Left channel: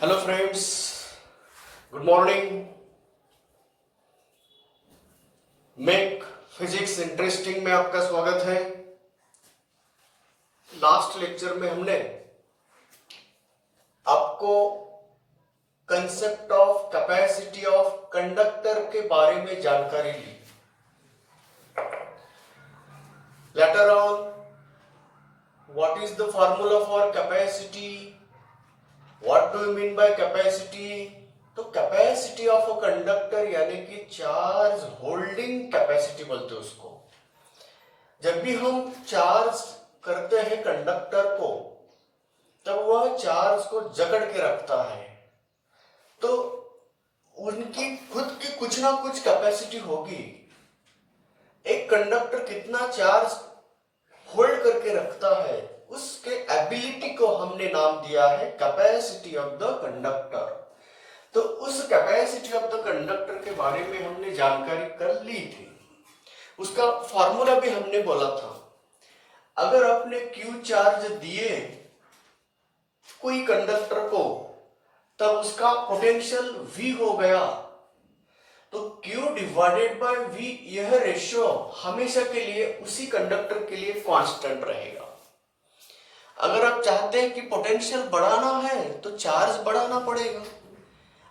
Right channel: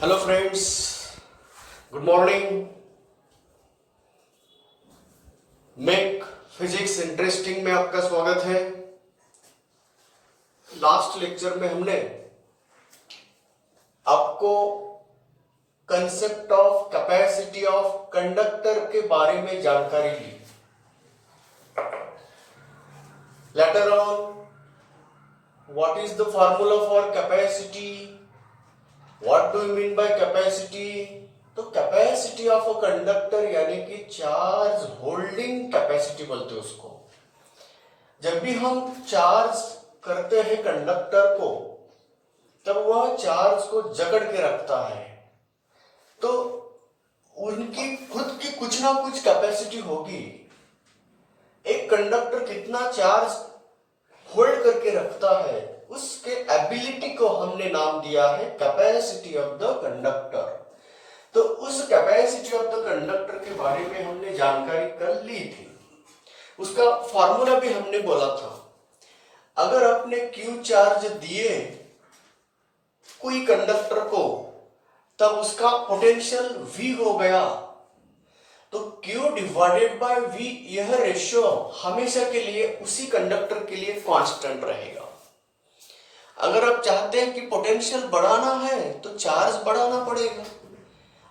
Hello friends, good morning. Make physics interesting में आपका स्वागत है। लास्ट लेक्चर में हमने आपको concept of capacity of conductor के बारे में जानकारी ली। Later on, what is the formula for capacity, what do you mean by capacity. तो कैपेसिटी ऑफ अ कंडक्टर यानी कि चार्ज होल्डिंग कैपेसिटी बोलते हैं उसको। जब भी हम चार्ज करते हैं कंडक्टर को, तब वह चार्ज को जकड़ के रखता है, तो उनकी खुद की कुछ ना कुछ कैपेसिटी होगी। एक कंडक्टर कितना चार्ज होल्ड करके रखता है, उसके एबिलिटी को हमने नाम दिया है कैपेसिटी ऑफ द कंडक्टर। तो उस कैपेसिटी ऑफ द कंडक्टर के बारे में हमने जानकारी कर ली थी। उसका फॉर्मूला भी हमने बोला था। अगर आपने क्यू चार्ज दिए कोई कंडक्टर को, तब उसका पोटेंशियल V हो गया, तो Q डिवाइडेड बाय V, यह रेशियो हमेशा के लिए उसी कंडक्टर के लिए कांस्टेंट रहेगा। अगर आप चाहते हैं कि पोटेंशियल बढ़ाना है तो चार्ज बढ़ाना पड़ेगा।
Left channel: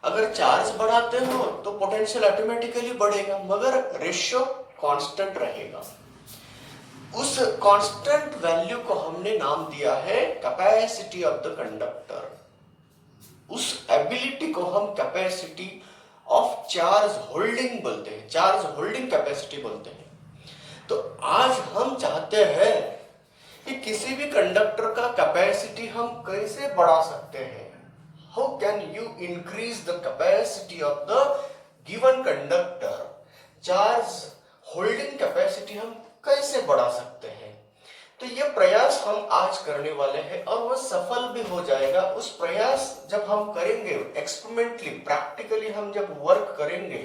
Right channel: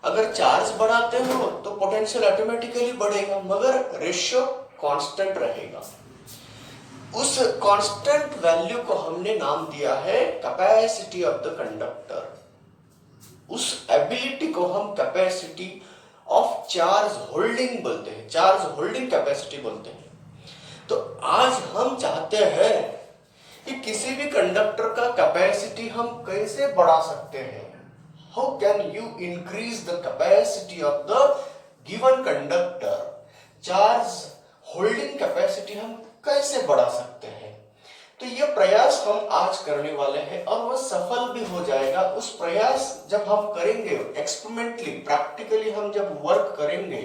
अगर चार्ज बढ़ाते हो तो पोटेंशियल ऑटोमेटिकली बढ़ेगा, मगर रेशियो कांस्टेंट रहेगा। उस कांस्टेंट वैल्यू को हमने नाम दिया है कैपेसिटी ऑफ द कंडक्टर। उस एबिलिटी को हम कैपेसिटी ऑफ चार्ज होल्डिंग बोलते हैं, चार्ज होल्डिंग कैपेसिटी बोलते हैं। तो आज हम चाहते हैं कि किसी भी कंडक्टर का कैपेसिटी हम कैसे बढ़ा सकते हैं। How can you increase the capacity of the given conductor. Charge holding capacity हम कैसे बढ़ा सकते हैं। तो ये प्रयास हम आज करने वाले हैं और वह सफल भी हो जाएगा। उस प्रयास जब हम करेंगे एक्सपेरिमेंटली, प्रैक्टिकली हम जब वर्क करेंगे,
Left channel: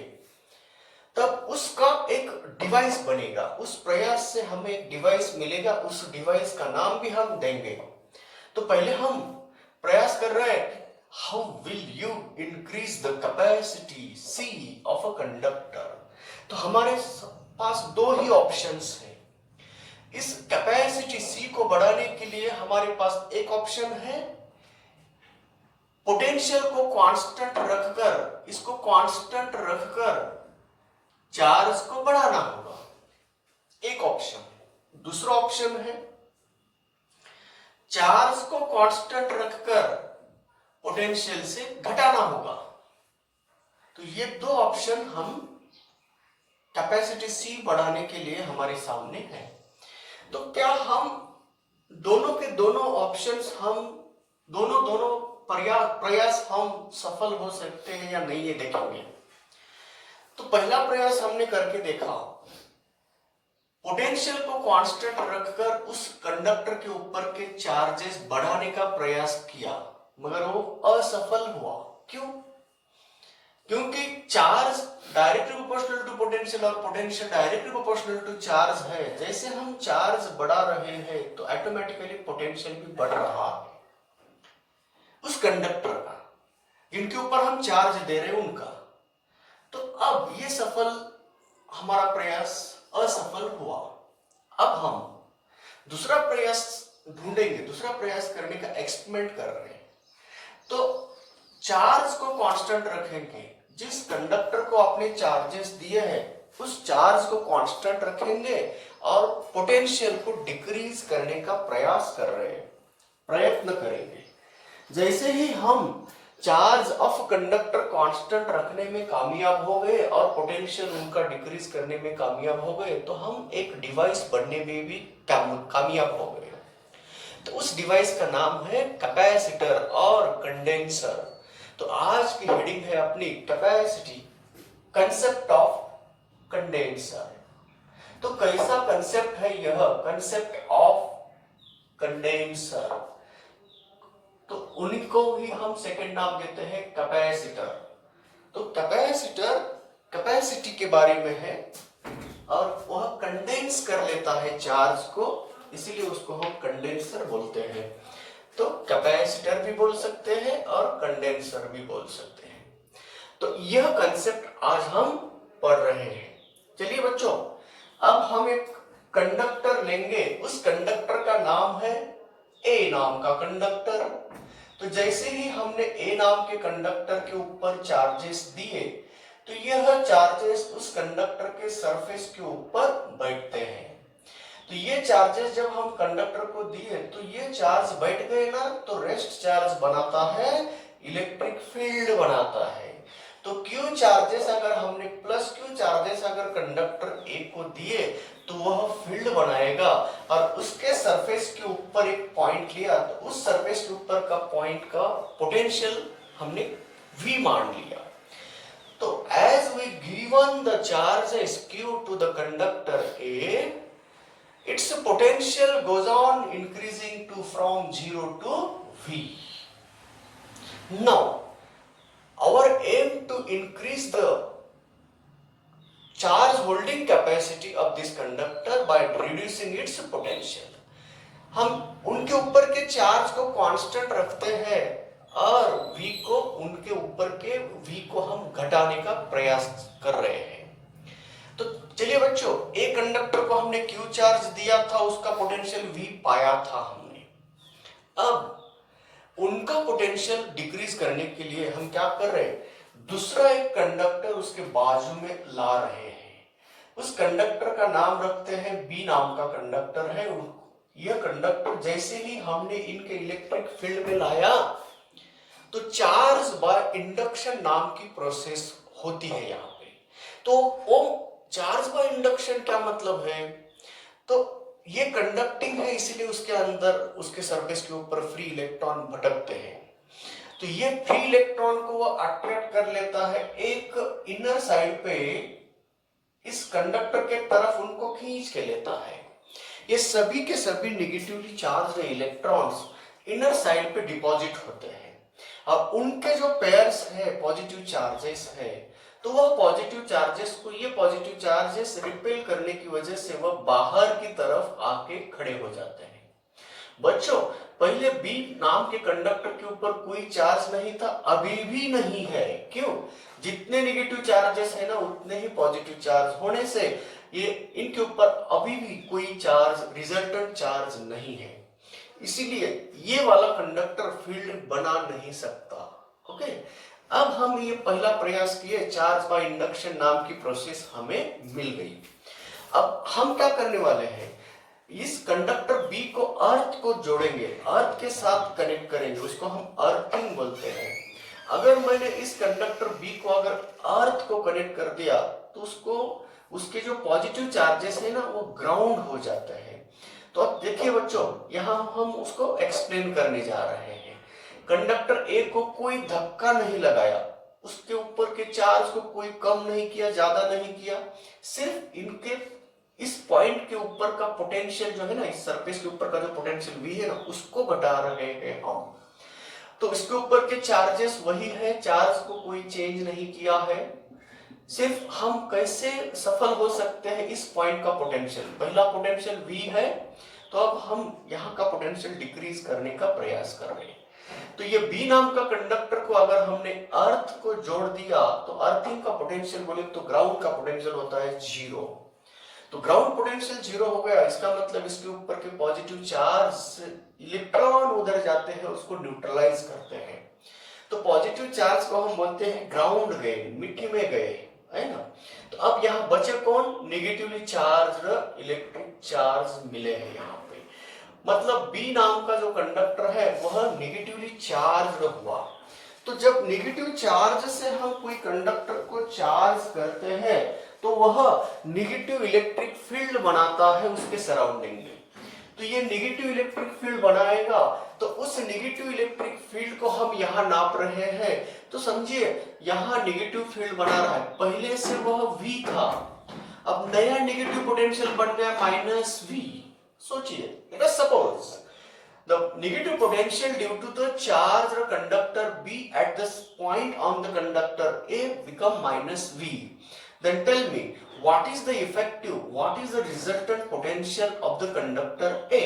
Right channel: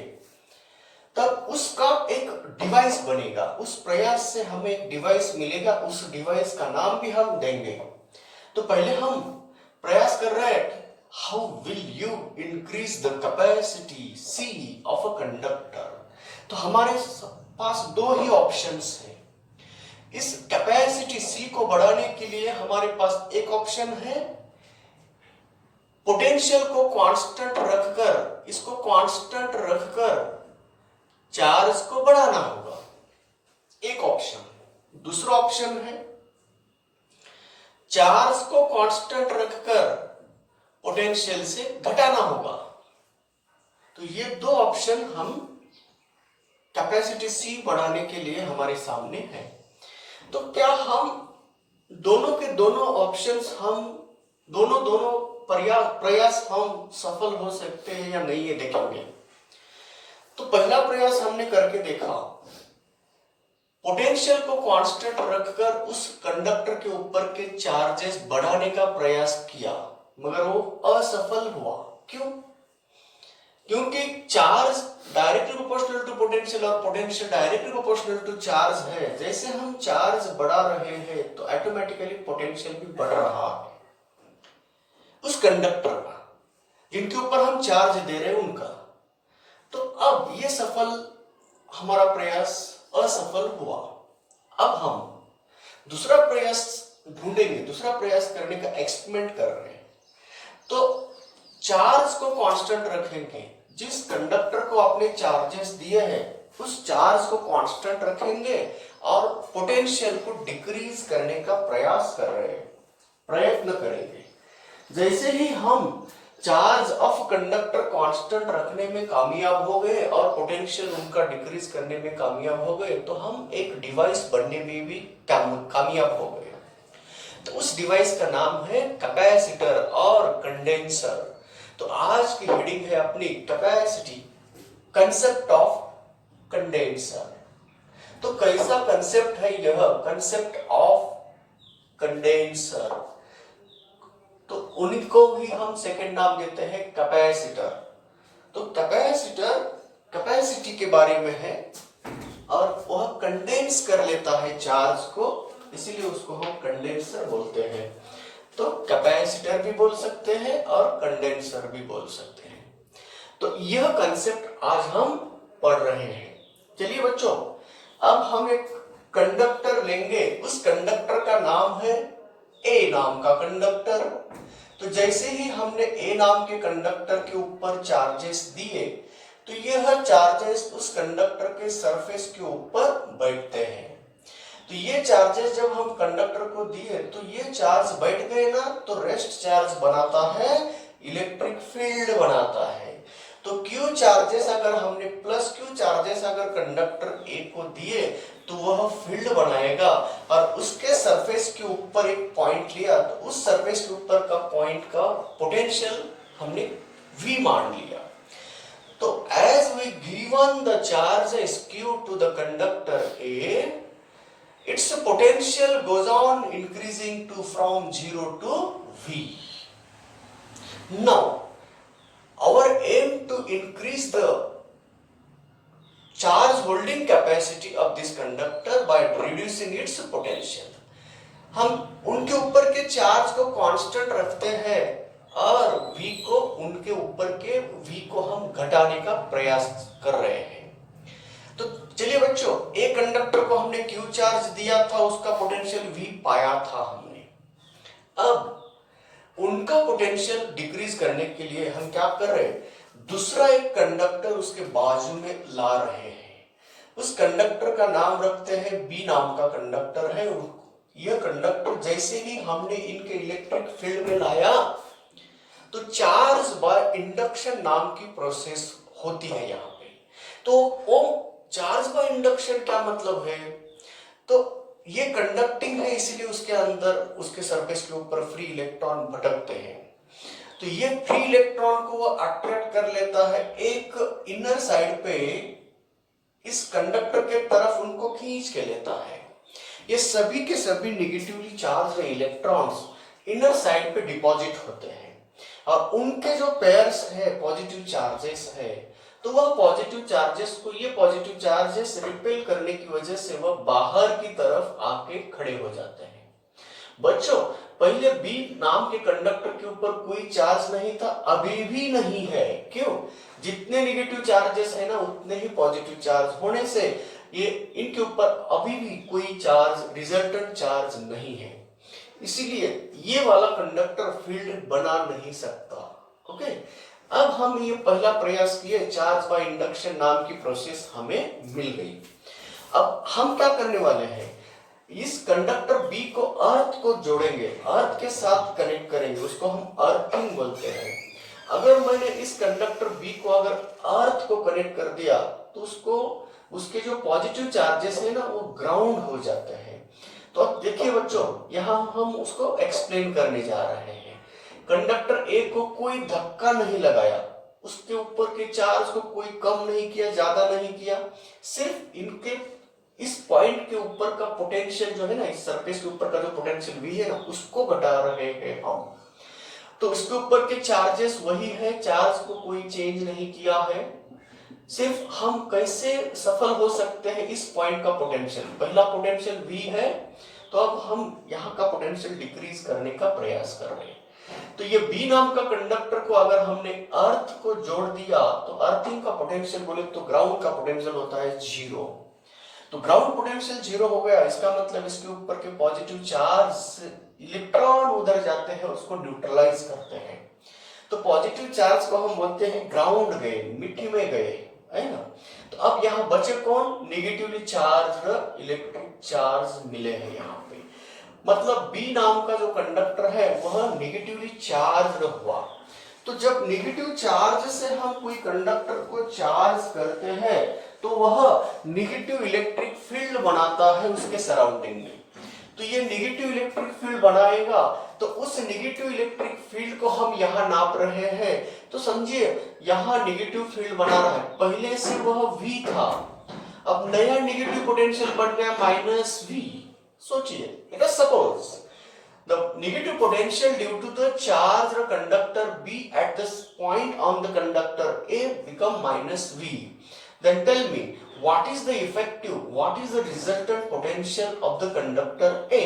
तब उसका एक डिवाइस बनेगा। उस प्रयास से हमें एक डिवाइस मिलेगा, उस डिवाइस का नाम भी हम देंगे। तो पहले हम प्रयास कर रहे हैं, how will you increase the capacity C of a conductor. तो हमारे पास दो ही ऑप्शंस हैं। इस कैपेसिटी C को बढ़ाने के लिए हमारे पास एक ऑप्शन है, पोटेंशियल को कांस्टेंट रखकर, इसको कांस्टेंट रखकर चार्ज को बढ़ाना होगा, एक ऑप्शन है। दूसरा ऑप्शन है चार्ज को कांस्टेंट रखकर पोटेंशियल से घटाना होगा। तो ये दो ऑप्शन हम कैपेसिटी C बढ़ाने के लिए हमारे सामने है। तो क्या हम दोनों के दोनों ऑप्शंस, हम दोनों प्रयास हम सफल हो सकते हैं या नहीं, ये देखेंगे। तो पहला प्रयास हमने करके देखा, पोटेंशियल को कांस्टेंट रखकर उस कंडक्टर के ऊपर के चार्जेस बढ़ाने का प्रयास किया, मगर वो असफल हुआ। क्यों? क्योंकि charge directly proportional to potential और potential directly proportional to charge है। जैसे हम चार्ज बढ़ा रहे हैं तो ऑटोमेटिकली पोटेंशियल भी बढ़ रहा है उस कंडक्टर का, जिनके ऊपर हम चार्ज दे रहे हैं उनका। तो अब ये हमारा प्रयास असफल हुआ। अब हम दूसरा प्रयास ढूंढेंगे, दूसरा प्रयास करने का एक्सपेरिमेंट कर रहे हैं। तो चार्ज को कांस्टेंट रखेंगे, जिस कंडक्टर को आपने चार्जेस दिए हैं उस चार्ज को कांस्टेंट रखेंगे और पोटेंशियल को डिक्रीज करने का प्रयास कर रहे हैं, प्रयत्न करेंगे। जैसे ही हम चार्ज ऑफ कंडक्टर कांस्टेंट रखने में कामयाब हो गए और पोटेंशियल उनका डिक्रीज करने में कामयाब हो गए, तो हम एक डिवाइस बनने में भी कामयाब हो गए। तो उस डिवाइस का नाम है कैपेसिटर और कंडेंसर। तो आज की हेडिंग है अपनी कैपेसिटी, कंसेप्ट ऑफ कंडेंसर। तो कैसा कंसेप्ट है यह, कंसेप्ट ऑफ कंडेंसर। तो उनको भी हम सेकंड नाम देते हैं कैपेसिटर। तो कैपेसिटर कैपेसिटी के बारे में है और वह कंडेंस कर लेता है चार्ज को, इसीलिए उसको हम कंडेंसर बोलते हैं। तो कैपेसिटर भी बोल सकते हैं और कंडेंसर भी बोल सकते हैं। तो यह कंसेप्ट आज हम पढ़ रहे हैं। चलिए बच्चों, अब हम एक कंडक्टर लेंगे, उस कंडक्टर का नाम है ए नाम का कंडक्टर। तो जैसे ही हमने ए नाम के कंडक्टर के ऊपर चार्जेस दिए, तो यह चार्जेस उस कंडक्टर के सरफेस के ऊपर बैठते हैं। तो ये चार्जेस जब हम कंडक्टर को दिए तो ये चार्ज बैठ गए ना, तो रेस्ट चार्ज बनाता है, इलेक्ट्रिक फील्ड बनाता है। तो क्यू चार्जेस अगर हमने प्लस क्यू चार्जेस अगर कंडक्टर ए को दिए तो वह फील्ड बनाएगा, और उसके सरफेस के ऊपर एक पॉइंट लिया तो उस सरफेस के ऊपर का पॉइंट का पोटेंशियल हमने V मान लिया। तो as we given the charges Q to the conductor A, its potential goes on increasing to from 0 to V. Now our aim to increase the charge holding capacity of this conductor by reducing its potential. हम उनके ऊपर के charge को constant रखते हैं और V को उनके ऊपर के V को हम घटाने का प्रयास कर रहे हैं। तो चलिए बच्चों, एक कंडक्टर को हमने Q चार्ज दिया था, उसका पोटेंशियल V पाया था हमने। अब उनका पोटेंशियल डिक्रीज करने के लिए हम क्या कर रहे हैं, दूसरा एक कंडक्टर उसके बाजू में ला रहे हैं। उस कंडक्टर का नाम रखते हैं B नाम का कंडक्टर है। यह कंडक्टर जैसे ही हमने इनके इलेक्ट्रिक फील्ड में लाया तो चार्ज बाय इंडक्शन नाम की प्रोसेस होती है यहाँ पे। तो वो चार्ज बाय इंडक्शन क्या मतलब है, तो ये कंडक्टिंग है, इसलिए उसके अंदर उसके सरफेस के ऊपर फ्री इलेक्ट्रॉन भटकते हैं। तो ये फ्री इलेक्ट्रॉन को वो अट्रैक्ट कर लेता है, एक इनर साइड पे इस कंडक्टर के तरफ उनको खींच के लेता है। ये सभी के सभी negatively charge electrons inner side पे डिपॉजिट होते हैं, और उनके जो पेयर्स है पॉजिटिव चार्जेस है, तो वह पॉजिटिव चार्जेस को ये पॉजिटिव चार्जेस रिपेल करने की वजह से वह बाहर की तरफ आके खड़े हो जाते हैं। बच्चों, पहले B नाम के कंडक्टर के ऊपर कोई चार्ज नहीं था, अभी भी नहीं है। क्यों? जितने नेगेटिव चार्जेस है ना, उतने ही पॉजिटिव चार्ज होने से ये इनके ऊपर अभी भी कोई चार्ज, रिजल्टेंट चार्ज नहीं है। इसीलिए ये वाला कंडक्टर फील्ड बना नहीं सकता। ओके, अब हम ये पहला प्रयास किए, चार्ज बाय इंडक्शन नाम की प्रोसेस हमें मिल गई। अब हम क्या करने वाले हैं, इस कंडक्टर B को अर्थ को जोड़ेंगे, अर्थ के साथ कनेक्ट करेंगे, उसको हम अर्थिंग बोलते हैं। अगर मैंने इस कंडक्टर B को अगर अर्थ को कनेक्ट कर दिया तो उसको उसके जो पॉजिटिव चार्जेस है ना, वो ग्राउंड हो जाते हैं। तो अब देखिए बच्चों, यहाँ हम उसको एक्सप्लेन करने जा रहे हैं। कंडक्टर A को कोई धक्का नहीं लगाया, उसके ऊपर के चार्ज को कोई कम नहीं किया, ज्यादा नहीं किया, सिर्फ इनके इस पॉइंट के ऊपर का पोटेंशियल जो है ना, इस सरफेस के ऊपर का जो पोटेंशियल V है ना, उसको घटा रहे हैं हम। तो इसके ऊपर के चार्जेस वही है, चार्ज को कोई चेंज नहीं किया है। सिर्फ हम कैसे सफल हो सकते हैं, इस पॉइंट का पोटेंशियल, पहला पोटेंशियल V है, तो अब हम यहाँ का पोटेंशियल डिक्रीज करने का प्रयास कर रहे हैं। तो ये B नाम का कंडक्टर को अगर हमने अर्थ को जोड़ दिया तो अर्थिंग का पोटेंशियल बोले तो ग्राउंड का पोटेंशियल होता है 0। तो ग्राउंड पोटेंशियल 0 हो गया, इसका मतलब इसके ऊपर के पॉजिटिव चार्ज इलेक्ट्रॉन उधर जाते हैं, उसको न्यूट्रलाइज करते हैं। तो पॉजिटिव चार्ज को हम बोलते हैं ग्राउंड गए, मिट्टी में गए, है ना। तो अब यहाँ बचे कौन, नेगेटिवली चार्ज इलेक्ट्रिक चार्ज मिले हैं यहाँ पे। मतलब B नाम का जो कंडक्टर है वह नेगेटिवली चार्ज हुआ। तो जब नेगेटिव चार्ज से हम कोई कंडक्टर को चार्ज करते हैं तो वह नेगेटिव इलेक्ट्रिक फील्ड बनाता है उसके सराउंडिंग में। तो ये नेगेटिव इलेक्ट्रिक फील्ड बनाएगा, तो उस नेगेटिव इलेक्ट्रिक फील्ड को हम यहाँ नाप रहे हैं। तो समझिए, यहाँ नेगेटिव फील्ड बना रहा है, पहले से वह V था, अब नया नेगेटिव पोटेंशियल बन गया -V। सोचिए, let us suppose the negative potential due to the charged conductor B at this point on the conductor A become -V. Then tell me, what is the effective, what is the resultant potential of the conductor A?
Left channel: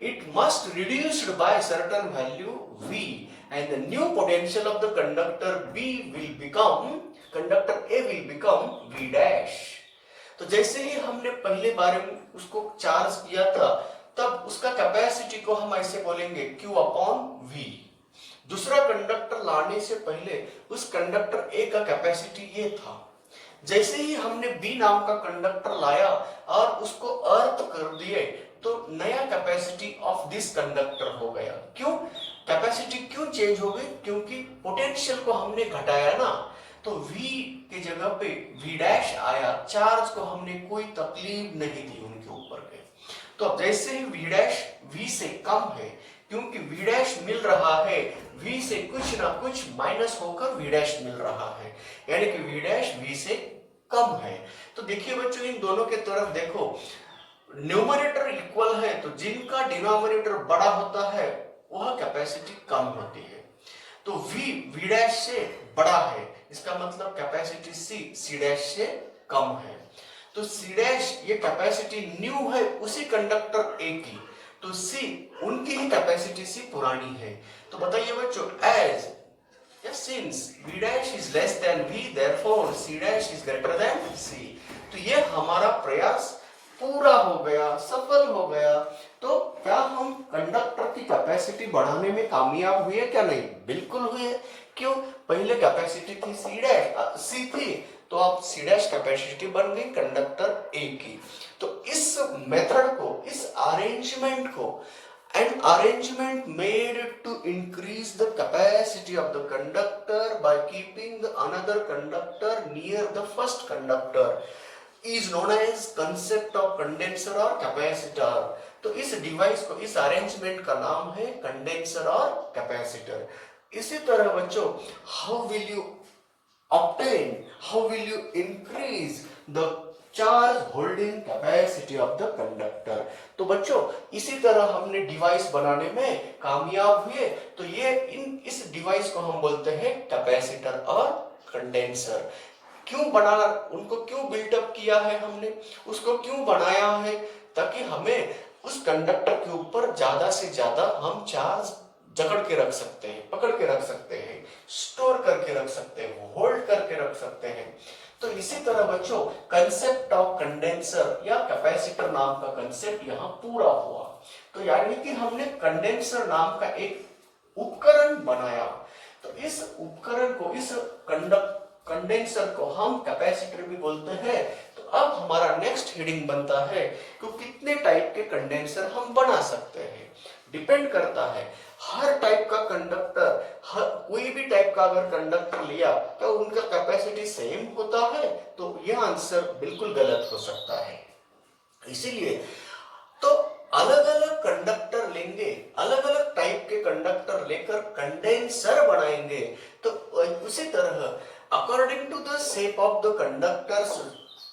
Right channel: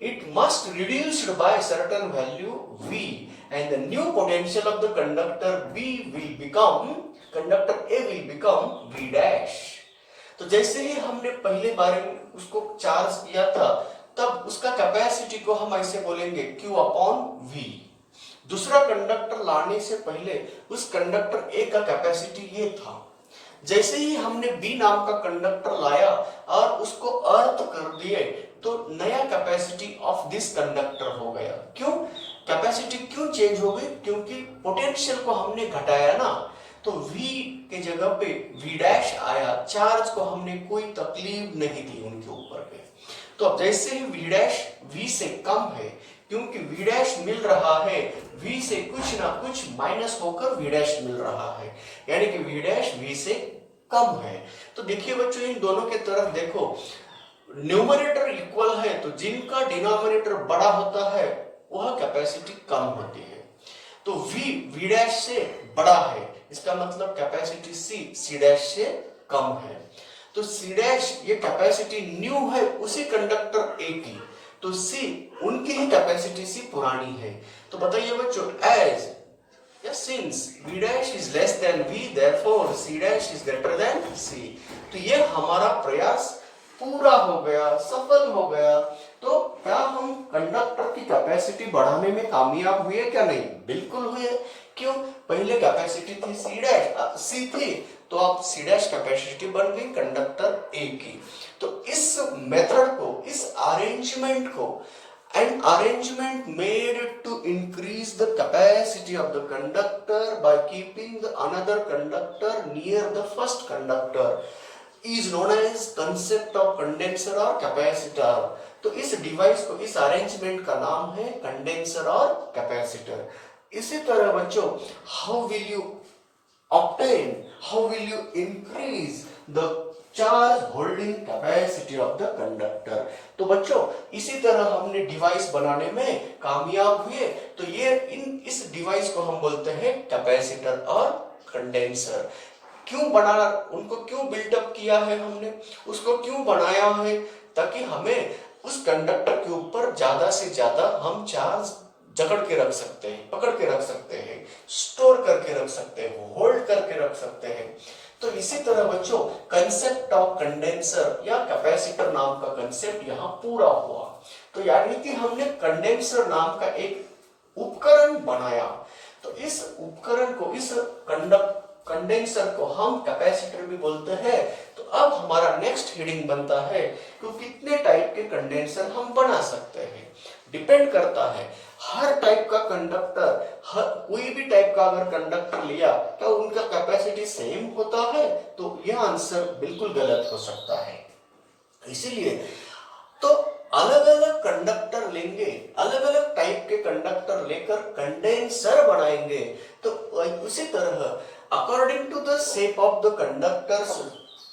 it must reduced by certain value V and the new potential of the conductor conductor A will become V dash। तो जैसे ही हमने पहले बारे में उसको charge किया था तब उसका कैपेसिटी को हम ऐसे बोलेंगे Q अपॉन V। दूसरा कंडक्टर लाने से पहले उस कंडक्टर A का कैपेसिटी ये था। जैसे ही हमने B नाम का कंडक्टर लाया और उसको अर्थ कर दिए तो नया कैपेसिटी ऑफ दिस कंडक्टर हो गया। क्यों कैपेसिटी क्यों चेंज हो गई? क्योंकि पोटेंशियल को हमने घटाया ना, तो V के जगह पे V डैश आया। चार्ज को हमने कोई तकलीफ नहीं दी उनके ऊपर के। तो अब जैसे ही V डैश V से कम है, क्योंकि V डैश मिल रहा है V से कुछ ना कुछ माइनस होकर V डैश मिल रहा है, यानी कि V डैश V से कम है। तो देखिए बच्चों इन दोनों के तरफ देखो, न्यूमरेटर इक्वल है तो जिनका डिनोमिनेटर बड़ा होता है वह कैपेसिटी कम होती है। तो V डैश से बड़ा है, इसका मतलब कैपेसिटी C डैश से कम है। तो C डैश ये कैपेसिटी न्यू है उसी कंडक्टर A की, तो C उनकी ही कैपेसिटी C पुरानी है। तो बताइए बच्चों as since V dash is less than V, therefore C dash is greater than C। तो ये हमारा प्रयास पूरा हो गया, सफल हो गया। तो क्या हम कंडक्टर की कैपेसिटी बढ़ाने में कामयाब हुए क्या? नहीं, बिल्कुल हुए। क्यों? पहले कैपेसिटी थी C थी, तो अब C डैश कैपेसिटी बन गई कंडक्टर A की। तो इस मेथड को, इस अरेंजमेंट को, an arrangement made to increase the capacity of the conductor by keeping the another conductor near the first conductor is known as concept of condenser or capacitor। तो इस device को, इस अरेंजमेंट का नाम है कंडेंसर और capacitor. इसी तरह बच्चों how will you increase the charge holding capacity of the conductor. तो बच्चों इसी तरह हमने डिवाइस बनाने में कामयाब हुए। तो ये इस डिवाइस को हम बोलते हैं कैपेसिटर और कंडेंसर। क्यों बनाना, उनको क्यों बिल्डअप किया है हमने, उसको क्यों बनाया है? ताकि हमें उस कंडक्टर के ऊपर ज्यादा से ज्यादा हम चार्ज जकड़ के रख सकते हैं, पकड़ के रख सकते हैं, स्टोर करके रख सकते हैं, होल्ड करके रख सकते हैं। तो इसी तरह बच्चों कंसेप्ट ऑफ कंडेंसर या कैपेसिटर नाम का कंसेप्ट यहाँ पूरा हुआ। तो यानी कि हमने कंडेंसर नाम का एक उपकरण बनाया। तो इस उपकरण को, इस कंडेंसर को हम कैपेसिटर भी बोलते हैं। तो अब हमारा नेक्स्ट हेडिंग बनता है कि कितने टाइप के कंडेंसर हम बना सकते हैं। डिपेंड करता है हर टाइप का कंडक्टर, कोई भी टाइप का अगर कंडक्टर लिया तो उनका कैपेसिटी सेम होता है, तो यह आंसर बिल्कुल गलत हो सकता है। इसीलिए तो अलग अलग कंडक्टर लेंगे, अलग अलग टाइप के कंडक्टर लेकर कंडेंसर बनाएंगे। तो उसी तरह according to the shape of the conductors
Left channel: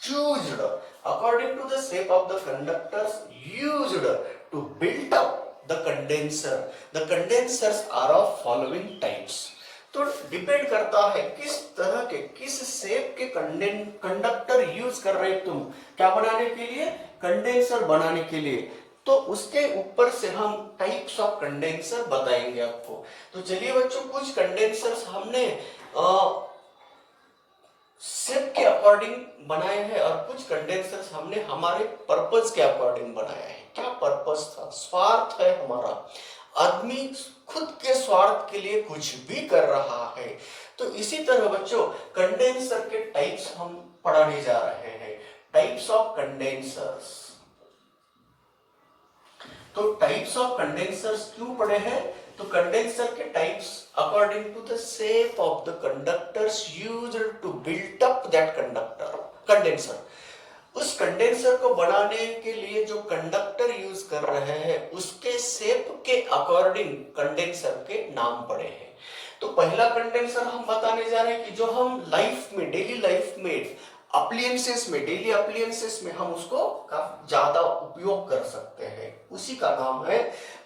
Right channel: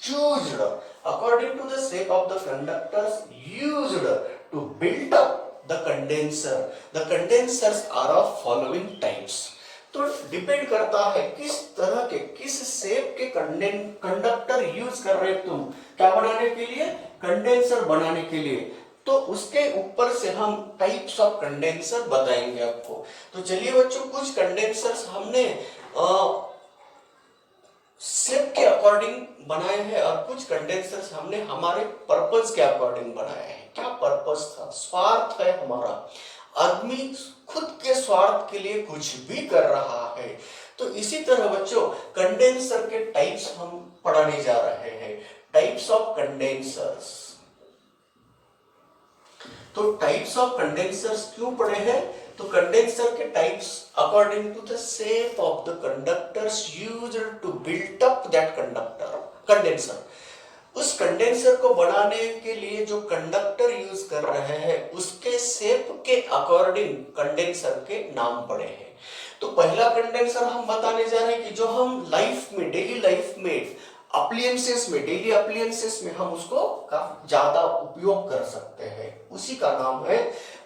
used, according to the shape of the conductors used to build up the condenser, the condensers are of following types। तो डिपेंड करता है किस तरह के, किस शेप के कंडक्टर यूज कर रहे हैं तुम, क्या बनाने के लिए? कंडेंसर बनाने के लिए। तो उसके ऊपर से हम टाइप्स ऑफ कंडेंसर बताएंगे आपको। तो चलिए बच्चों कुछ कंडेंसर्स हमने शेप के अकॉर्डिंग बनाए हैं और कुछ कंडेंसर्स हमने हमारे पर्पस के अकॉर्डिंग बनाए हैं। क्या पर्पस था? स्वार्थ है हमारा। आदमी खुद के स्वार्थ के लिए कुछ भी कर रहा है। तो इसी तरह बच्चों कंडेंसर के टाइप्स हम पढ़ाने जा रहे हैं। Types of condensers. तो टाइप्स ऑफ कंडेंसर्स क्यों पढ़े हैं? तो कंडेंसर के types according to the shape of the conductors used to build up that condenser. उस कंडेंसर को बनाने के लिए जो कंडक्टर यूज कर रहे हैं उसके शेप के अकॉर्डिंग कंडेंसर के नाम पड़े हैं। तो पहला कंडेंसर हम बताने जा रहे हैं कि जो हम लाइफ में, डेली लाइफ में, अप्लायंसेस में, डेली अप्लायंसेस में हम उसको काफी ज्यादा उपयोग कर सकते हैं, उसी का नाम है